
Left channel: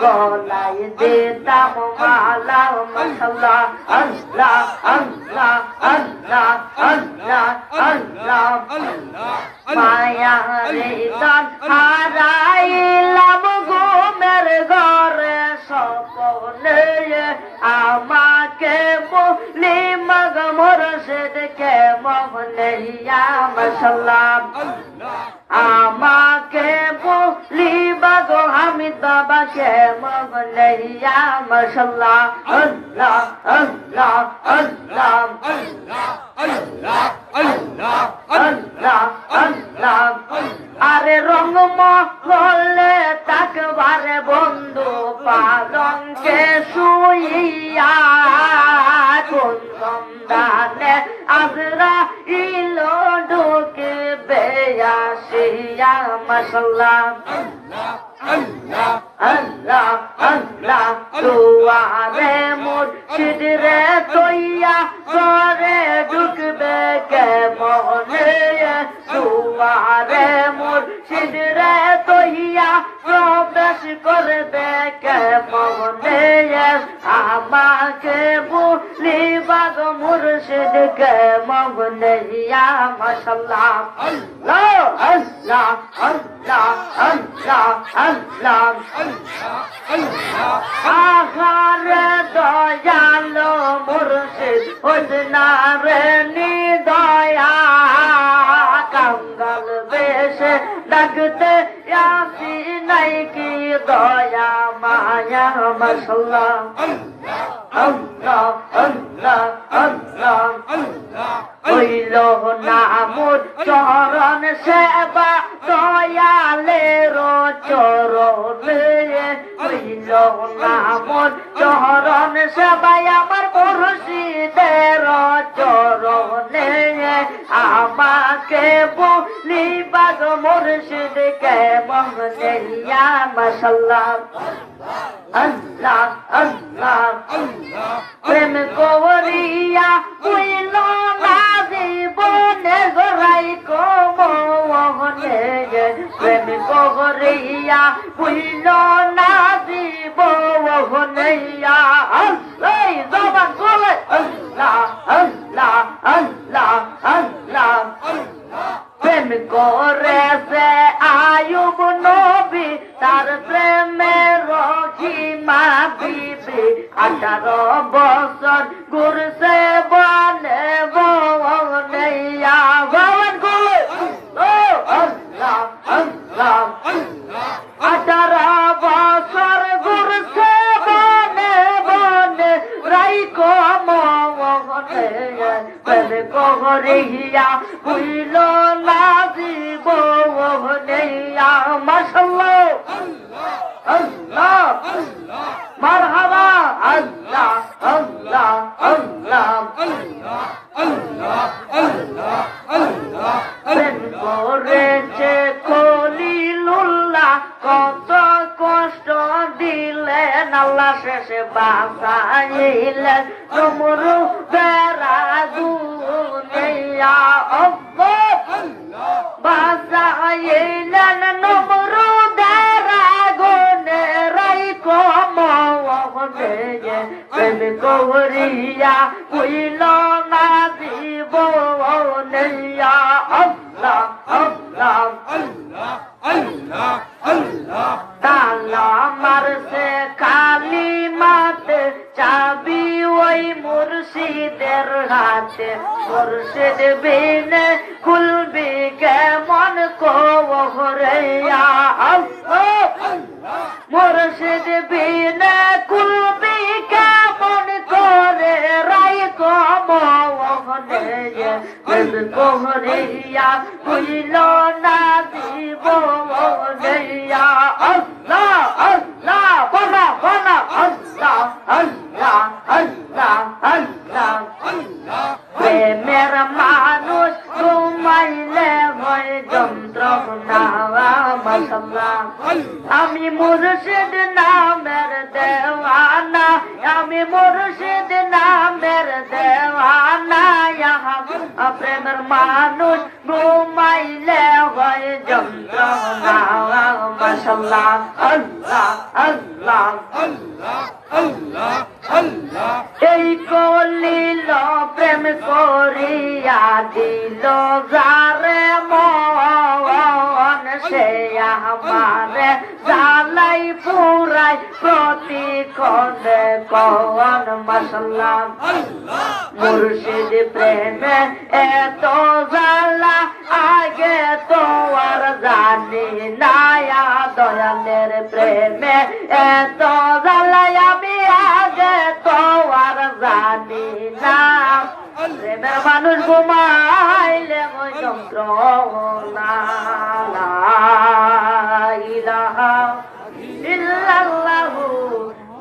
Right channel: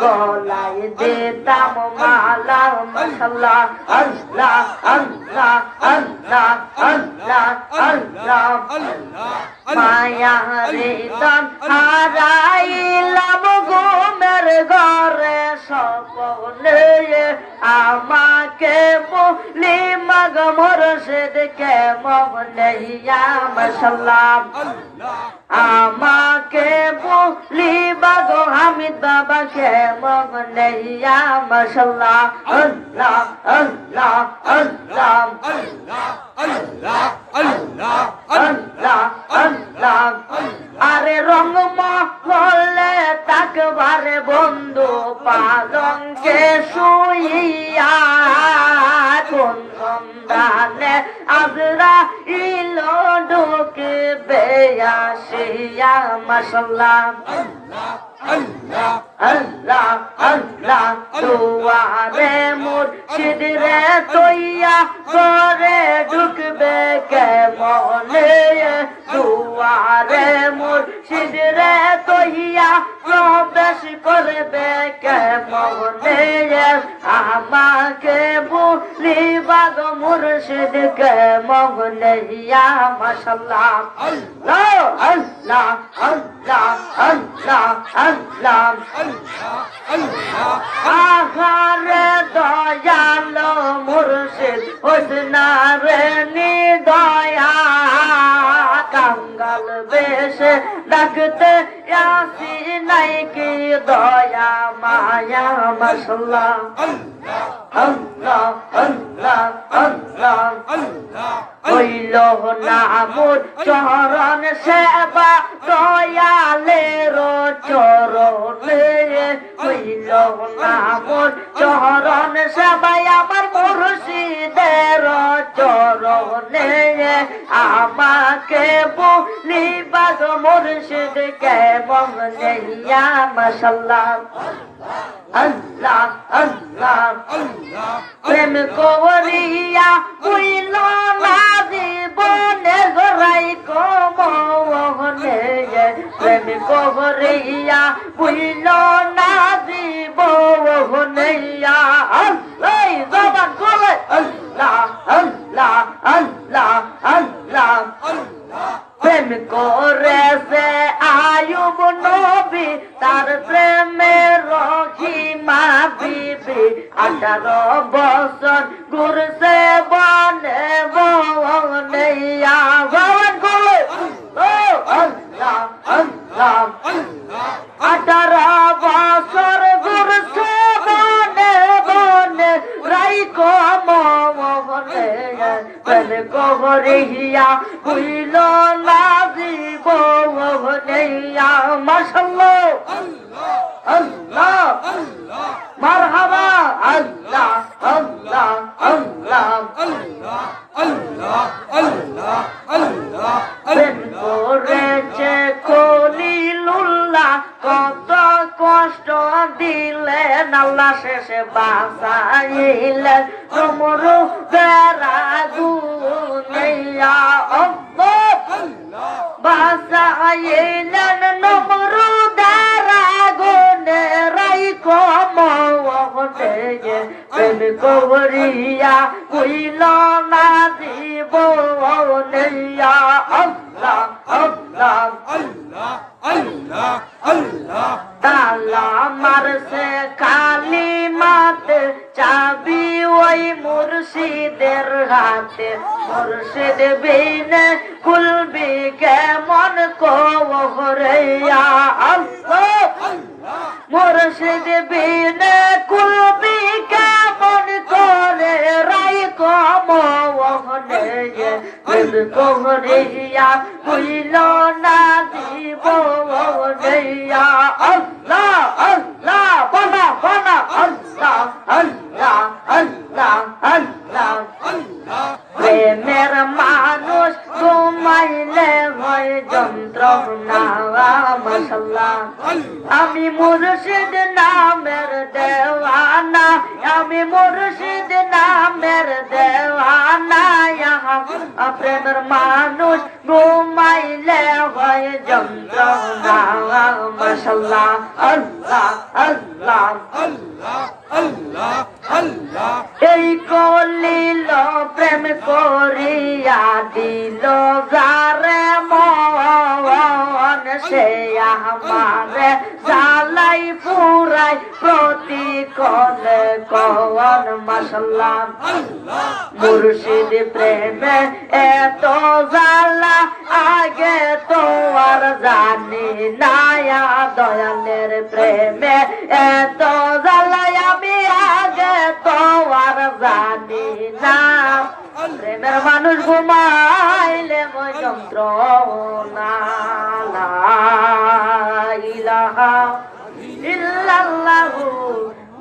গলাই দিতাম মালা মশলা আল্লাহ আল্লাহ আল্লাহ আল্লাহ আল্লাহ মায়া রে দান হারাইলাম ঘুমের ঘরে স্বপ্নে আমাকে বলি মগ মুর্শিদ কে মনে মাশাল্লাহ আমাকে বলি বাগো হামিদ বাবা কে মনে মাশাল্লাহ আল্লাহ আল্লাহ আল্লাহ আল্লাহ আল্লাহ আল্লাহ আল্লাহ আরে রঙ মহলে তাকবারে বন্ধু পালঙ্কে শুইয়া কোন সন্ধানে আজরা ইলো ঢুকবে আসিয়া মাশাল্লাহ আল্লাহ আল্লাহ আল্লাহ আল্লাহ দুয়ারে মুর্শিদ রে তৈয়া করে ঢুকবে কে মনে দুয়ারে মুর্শিদ রে তৈয়া প্রবেশ করবে কে মনে আমাকে বলিবা গো মুর্শিদ কে মনে মাশাল্লাহ আল্লাহ আল্লাহ আল্লাহ আল্লাহ আল্লাহ আল্লাহ আহারে দয়ালো মুর্শিদ হজনা রে নিদয়া কাঙ্গাল বেশে ডাকতে আসি নাই কি দয়া মায়া মাশাল্লাহ আল্লাহ আল্লাহ আল্লাহ আল্লাহ আল্লাহ হইল না মোর চরণ সেবা দয়ালের চরণে হইল না মোর চরণ সেবাই আমার মুর্শিদের চরণে আমাকে বলিবা গো মুর্শিদ কে মনে মাশাল্লাহ আল্লাহ আল্লাহ আল্লাহ প্রেম করিয়া হইল না জীবনে গড়াই কমনে প্রেম করিয়া হইল না জীবনে আল্লাহ জবান বলে আল্লাহ আল্লাহ আল্লাহ আল্লাহ প্রেম করেছে আয়ুব নবী তার প্রেমের রহিমা বিবি 18 বছর ঘুরছে বনে বনে ভগবান বলে আল্লাহ আল্লাহ 18 বছর ঘুরছে বনে বনে রাইকো মনে প্রেম করিয়া হইল না জীবনে মাশাল্লাহ আল্লাহ মারহাবা আল্লাহ আল্লাহ আল্লাহ প্রেম করেছে কলিলুল্লাহ কত কষ্ট দিলেন আল্লাহ শেষে বাঁচাইলেন নমরুদের আগুনে বাঁচাইলেন নমরুদের আগুনে রাইকো মনে প্রেম করিয়া হইল না জীবনে আল্লাহ আল্লাহ আল্লাহ Allah, Allah, তালা মারছে কালিমাতে চাবি ওই মুর্শিদের হাতে মুর্শিদ বিনে খুলবি কেমন কোহরে আল্লাহ Allah, মুর্শিদ বিনে খুলবি কেমন করে রাই কমোহরে দিল কোহরিয়া হইল না দিব ওহরিয়া আল্লাহ আল্লাহ বানা বানা আল্লাহ আল্লাহ আল্লাহ আল্লাহ Allah, প্রেমের মানুষ ঘুমাইলে হয় যন্ত্রণা মাশাআল্লাহ আমি মুর্শিদ নামের দেওয়ানা আমি মুর্শিদ নামের দেওয়ানা প্রেমের মানুষ ঘুমাইলে হয় যন্ত্রণা মাশাআল্লাহ আল্লাহ আল্লাহ Allah, Allah, Allah, এই কলিল প্রেম করিয়া দিল যারে মন সে আমারে জালাই পুরাই প্রতিক্ষণে কন মাশাআল্লাহ Allah, মুর্শিদ প্রেমে এত জালা আগে তো আর জানি না দয়ালের প্রেমে এত জালা আমি আগে তো আর জানি না প্রেমের মানুষ ঘুমাইলে মই যন্ত্রণা লা ইলাহা ইল্লাল্লাহু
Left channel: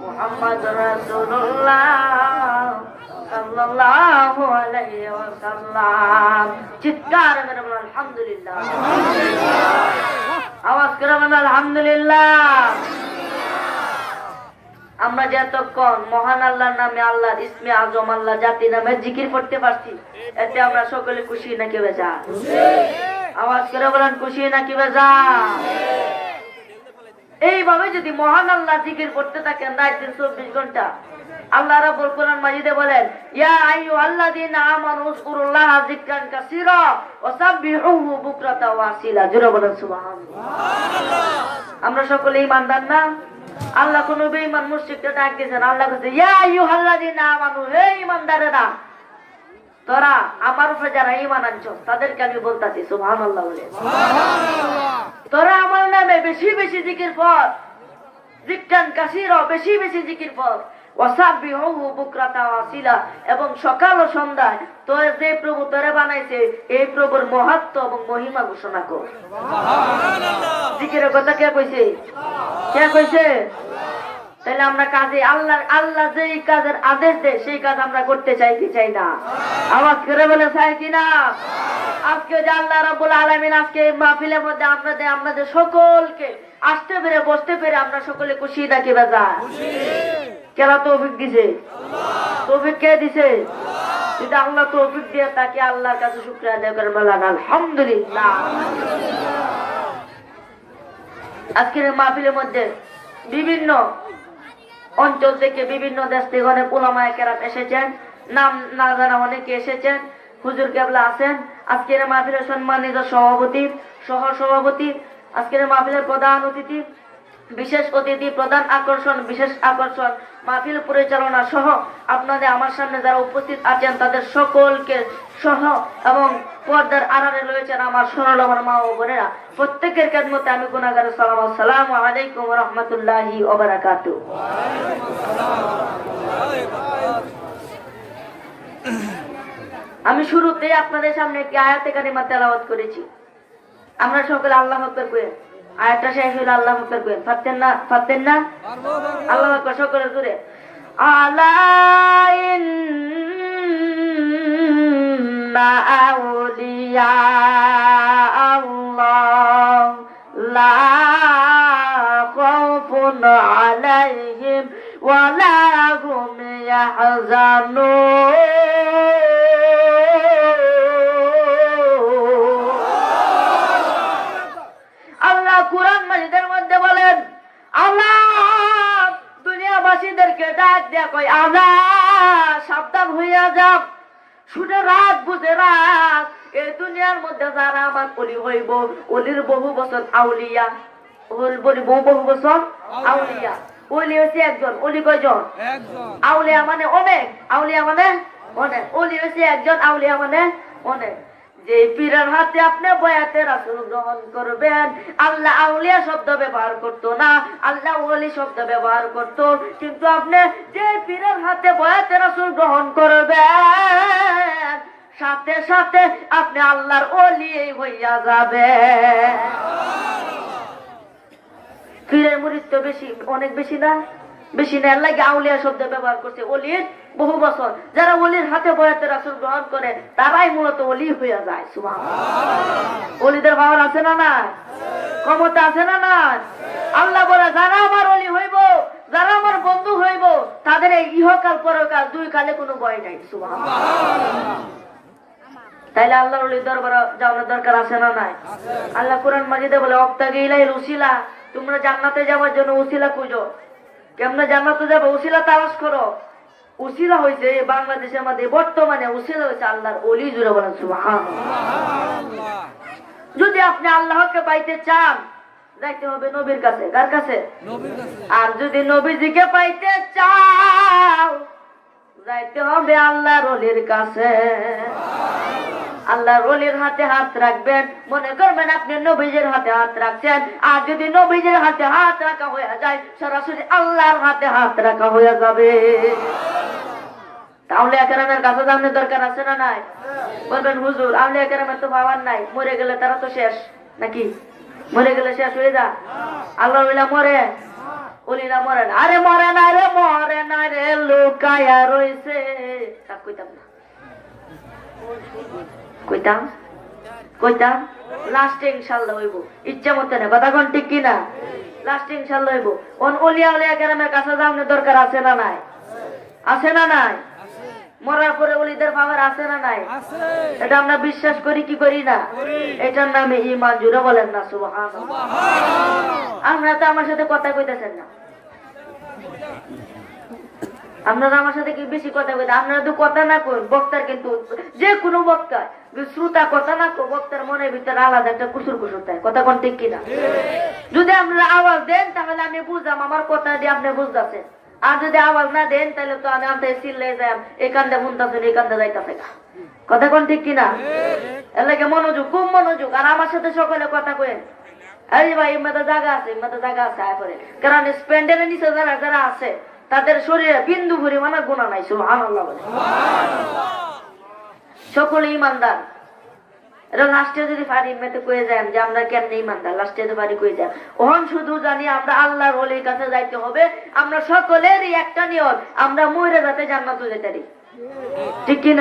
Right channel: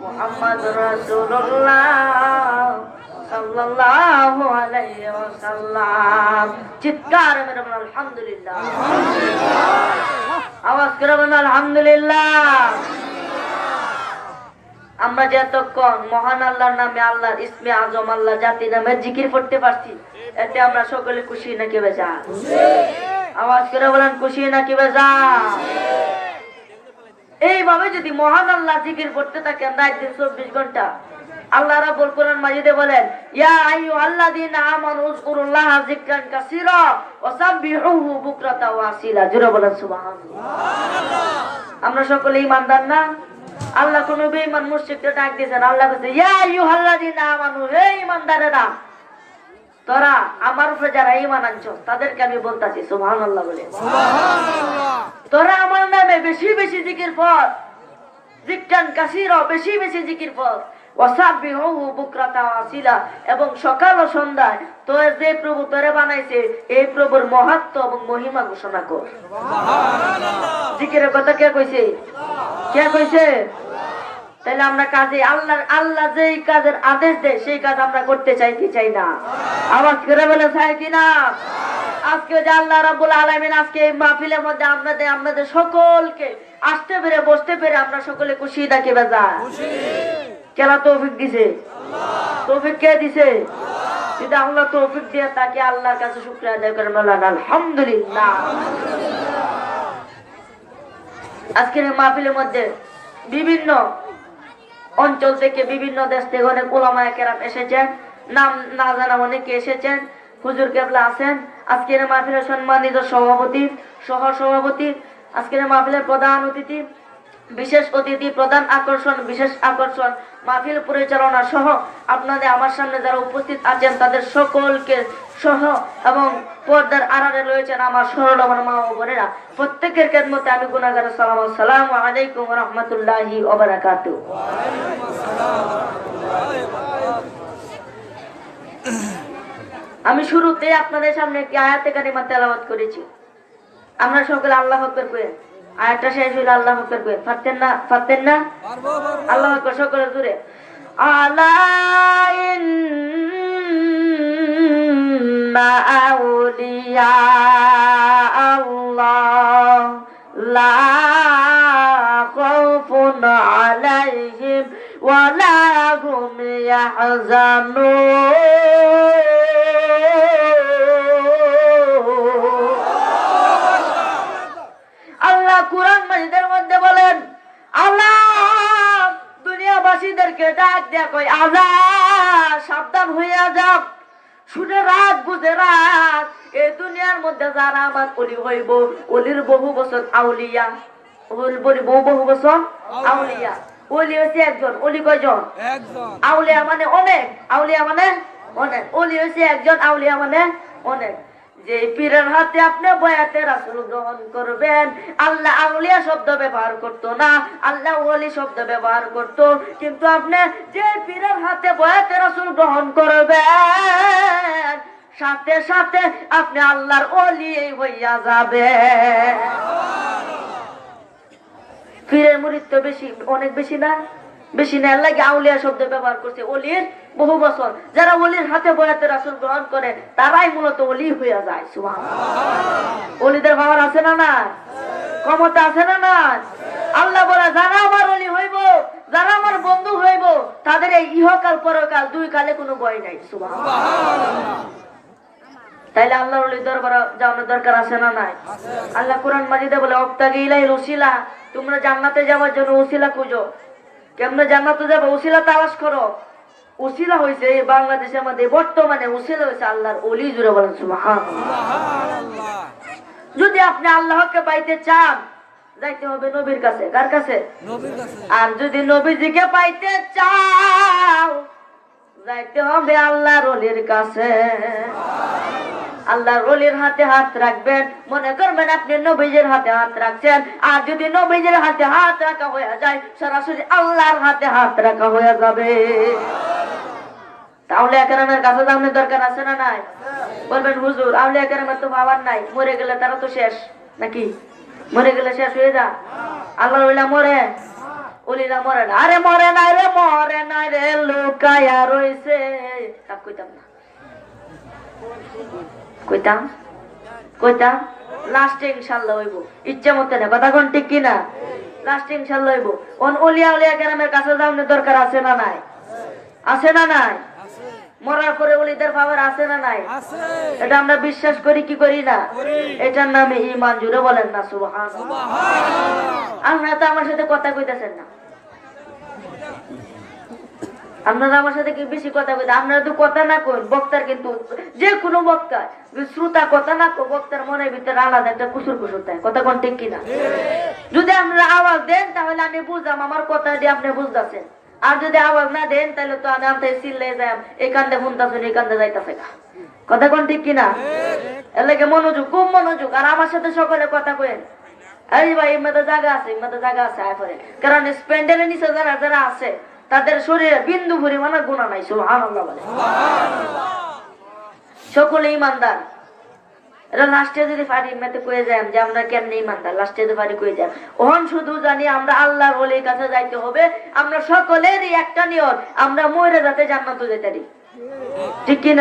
মুহাম্মাদুর রাসূলুল্লাহ সাল্লাল্লাহু আলাইহি ওয়াসাল্লাম চিৎকার করে বলুন আলহামদুলিল্লাহ আওয়াজ করে বলুন আলহামদুলিল্লাহ আমরা যতক্ষণ মহান আল্লাহর নামে আল্লাহর ইসমে আজম আল্লাহ জাতি নামে জিকির করতে পারছি এতে আমরা সকলে খুশি নাকি বেজা আওয়াজ করে বলেন খুশি নাকি বেজা এইভাবে যদি মহান আল্লাহ জিকির করতে থাকেন রাত দিন 24 ঘন্টা আল্লাহ রাব্বুল কোরআন মাজিদে বলেন ইয়া আইয়ুহাল্লাযীনা আমানু উযকুরুল্লাহা যিকরান কাসীরা ওয়া সাব্বিহুহু বুকরাতা ওয়া আসীলা জোরে বলেন সুবহানাল্লাহ আমরা সকলে ঈমানদার না আল্লাহ কোন বেঈমান মুশরিককে ডাক দিয়েছেন আল্লাহ বলেছে ইয়া আইয়ুহাল্লাযীনা আমানু হে ঈমানদারেরা তোরা আমার উপরে যারা ঈমান আনছো তাদেরকে আমি বলতাছি সুবহানাল্লাহ বলে Subhanallah, তোরা আমার নামে বেশি বেশি জিকির কর যিকরান কাসীরা বেশি বেশি জিকির কর ওয়াসাবিহুহু বুকরাতা ওয়া আসীলা এবং সকাল ও সন্ধ্যায় তোর যে প্রভু তোরে বানাইছে এই প্রভুর মহত্ব এবং মহিমা ঘোষণা কর Subhanallah, জিকিরের কথা কে কইছে কে কইছে তাহলে আমরা কাজে আল্লাহ যেই কাজের আদেশ দেয় সেই কাজ আমরা করতে চাই কি চাই না আওয়াজ করে বলে চাই কি না আজকে যে আল্লাহ রাব্বুল আলামিন আজকে এই মাহফিলের মধ্যে আমাদের সকলকে আসতে পেরে বসতে পেরে আমরা সকলে খুশি থাকি বেজার কেন তৌফিক দিছে তৌফিক কে দিছে যদি আল্লাহ তৌফিক দিয়ে তাকে আল্লাহর কাছে শুকরিয়া আদায় করেন বলেন আলহামদুলিল্লাহ আজকের এই মাহফিলের মধ্যে বিভিন্ন অঞ্চল থেকে বিভিন্ন দেশ থেকে অনেক উলামায়ে কেরাম এসেছেন নাম না জানা অনেকে এসেছেন হুজুর কেবলা আছেন আজকের এই মাহফিলের সম্মানিত সভাপতি সহ সভাপতি আজকের এই মাহফিলের প্রধান অতিথি বিশেষ অতিথি প্রধান আকর্ষণ বিশেষ আকর্ষণ মাহফিল পরিচালনা সহ আপনাদের আমার সামনে যারা উপস্থিত আছেন তাদের সকলকে সহ এবং পর্দার আড়ালে রয়েছেন আমার সরল আমার মা ও বোনেরা প্রত্যেকের খেদমতে আমি গুনাহগার সালাম আসসালামু আলাইকুম ওয়া রাহমাতুল্লাহি ওয়া বারাকাতুহু আমি শুরুতে আপনাদের সামনে একটি আয়াতে কারিমা তেলাওয়াত করেছি আমরা সকলে আল্লাহু আকবার কই আয়াতটা শেষ হলো আল্লাহু আকবার কই পারতেন না আল্লাহু আকবার সকলে জোরে আলা ইন্না আউলিয়া আল্লাহ লা খাউফুন আলাইহিম ওয়া লা হুম ইয়াহজানুন আল্লাহ কুরআন মাজিদের মধ্যে বলেন আল্লাহ দুনিয়াবাসীদেরকে ডাক দেয়া কয় আল্লাহ সাবধান হইয়া যাও শুনে রাত বুঝে রাত এই দুনিয়ার মধ্যে যারা আমার অলি হইব, অলির বহু বছর আউলিয়া, বহু বছর আউলিয়া। অলি হয়েছে একজন, অলি কয়জন? একজন। আউলিয়া মানে অনেক, আউলিয়া মানে অনেক, অলি হয়েছে একজন, আউলিয়া মানে অনেক। যে পীরের হাতে আপনি বয়াতে রাসূল গ্রহণ করবেন, আল্লাহ আউলিয়া শব্দ ব্যবহার করতো না, আল্লাহ ওলি শব্দ ব্যবহার করতো। কিন্তু আপনি যে পীরের হাতে বয়াতে রাসূল গ্রহণ করবেন, সাথে সাথে আপনি আল্লাহর ওলি হইয়া যাবেন। পীরের মুরিদ তো বেশি, অনেক বেশি না, বেশি না, লাগে আউলিয়া শব্দ ব্যবহার করছে। অলির বহু বছর, যারা অলির হাতে বয়াতে রাসূল গ্রহণ করে তারাই মূলত অলি হইয়া যায়। সুবহানাল্লাহ। অলিদের পাওয়ার আছে না না, ক্ষমতা আছে না না? আল্লাহ বলে যারা আমার অলি হইব, যারা আমার বন্ধু হইব, তাদের এই ইহকাল পরকাল দুই কালে কোনো ভয় নাই। সুবহানাল্লাহ। তাইলে আল্লাহর ওলি দরবারে যাওয়ার দরকার আছে না নাই? আল্লাহ কোরআন মাজিদে বলে অবতাগি ইলাইল উসিলা, তোমরা জান্নাতে যাওয়ার জন্য উসিলা খুঁজো। কেমনে জান্নাতে যাবে? উসিলা তালাশ করো। উসিলা হয়েছে বাংলাদেশের মধ্যে বর্তমানে উসিলা হয়েছে আল্লাহর ওলি। জুড়ে বলেন সুবহানাল্লাহ। যদি আপনি আল্লাহকে পাইতে চান, যাইতে হবে নবীর কাছে। কার কাছে? নবীর কাছে। আর যদি নবীজিকে পাইতে চাও, যাইতে হবে আল্লাহর ওলির কাছে। আল্লাহর ওলির হাতে হাত রাখবেন, মনে করবেন আপনি নবীজির হাতে হাত রাখছেন। আর যদি নবীজির হাতে হাত রাখা হয়ে যায়, সরাসরি আল্লাহর হাতে হাত রাখা হয়ে যাবে। আউলিয়া কেরামের কাছে যাওয়ার দরকার আছে না নাই? বলবেন হুজুর আউলিয়া কেরামের তো বাবার নাই, মরে গেলে তারা তো শেষ নাকি? মরে গেলে শেষ হয়ে যা? আল্লাহর ওলিরা মরে, ওলিরা মরে না। আরে মরে নাই রে, মরে নাই রে, লুকায়া রইছে। তা কইতাম না, কইতাম কইতাম লাস্টে ইনশাআল্লাহ হইব। ইচ্ছা মতো না, কথা কোন ঠিক কিনা? লাস্টে ইনশাআল্লাহ হইব। ওলিয়া উলিয়া কেরামের কাছে যাওয়ার দরকার আছে না নাই? আছে না নাই? মরার পরে ওলিদের পাওয়ার আছে না নাই? এটা আমরা বিশ্বাস করি কি করি না? এটার নামে ঈমান। জুড়ে বলেন না সুবহানাল্লাহ। আপনারা তো আমার সাথে কথা কইতেছেন না, আপনারা আমার সাথে কি বেশি কথা কইতে? আপনারা তো কথা না কই, বক্তার কিন্তু যে কোনো বক্তা শ্রোতা কথা না কই, বক্তার মনের ভিতরে আলাদা একটা কুসুর কুসুর থাকে। কথা কোন ঠিক কিনা? যদি আপনারা আওয়াজ দেন তাহলে আমি বুঝলাম আমার কথা দিয়ে আপনি বুঝতেছেন। আর যদি আওয়াজ না দেন তাহলে তো আমি আমতে চিল্লে যাই, এখান দিয়ে শুনতেছেন, এখান দিয়ে যাইতেছে। কথা কোন ঠিক কিনা? এর লাগে মনোযোগ, খুব মনোযোগ। আর আমার সাথে সকলে কথা কইেন। আরে ভাই এর মধ্যে জায়গা আছে, এর মধ্যে জায়গা আছে। কারণ স্প্যান্ডেলের নিচে যারা যারা আছে তাদের শরীরে বিন্দু পরিমাণে গুনাহ নাই। সুবহানাল্লাহ বলে। সকলে ইমানদার। লাস্টে যদি পারি মেতে কয়ে যাই যে আমরা কেমনে ইমানদার, লাস্টে যদি পারি কয়ে যাই। ওহন শুধু জানি আমরা আল্লাহর ওলির কাছে যাইতে হবে। আমরা সকলেরই একটা নিয়ত, আমরা মরে যাতে জান্নাতে যেতে পারি। ঠিক কিনা?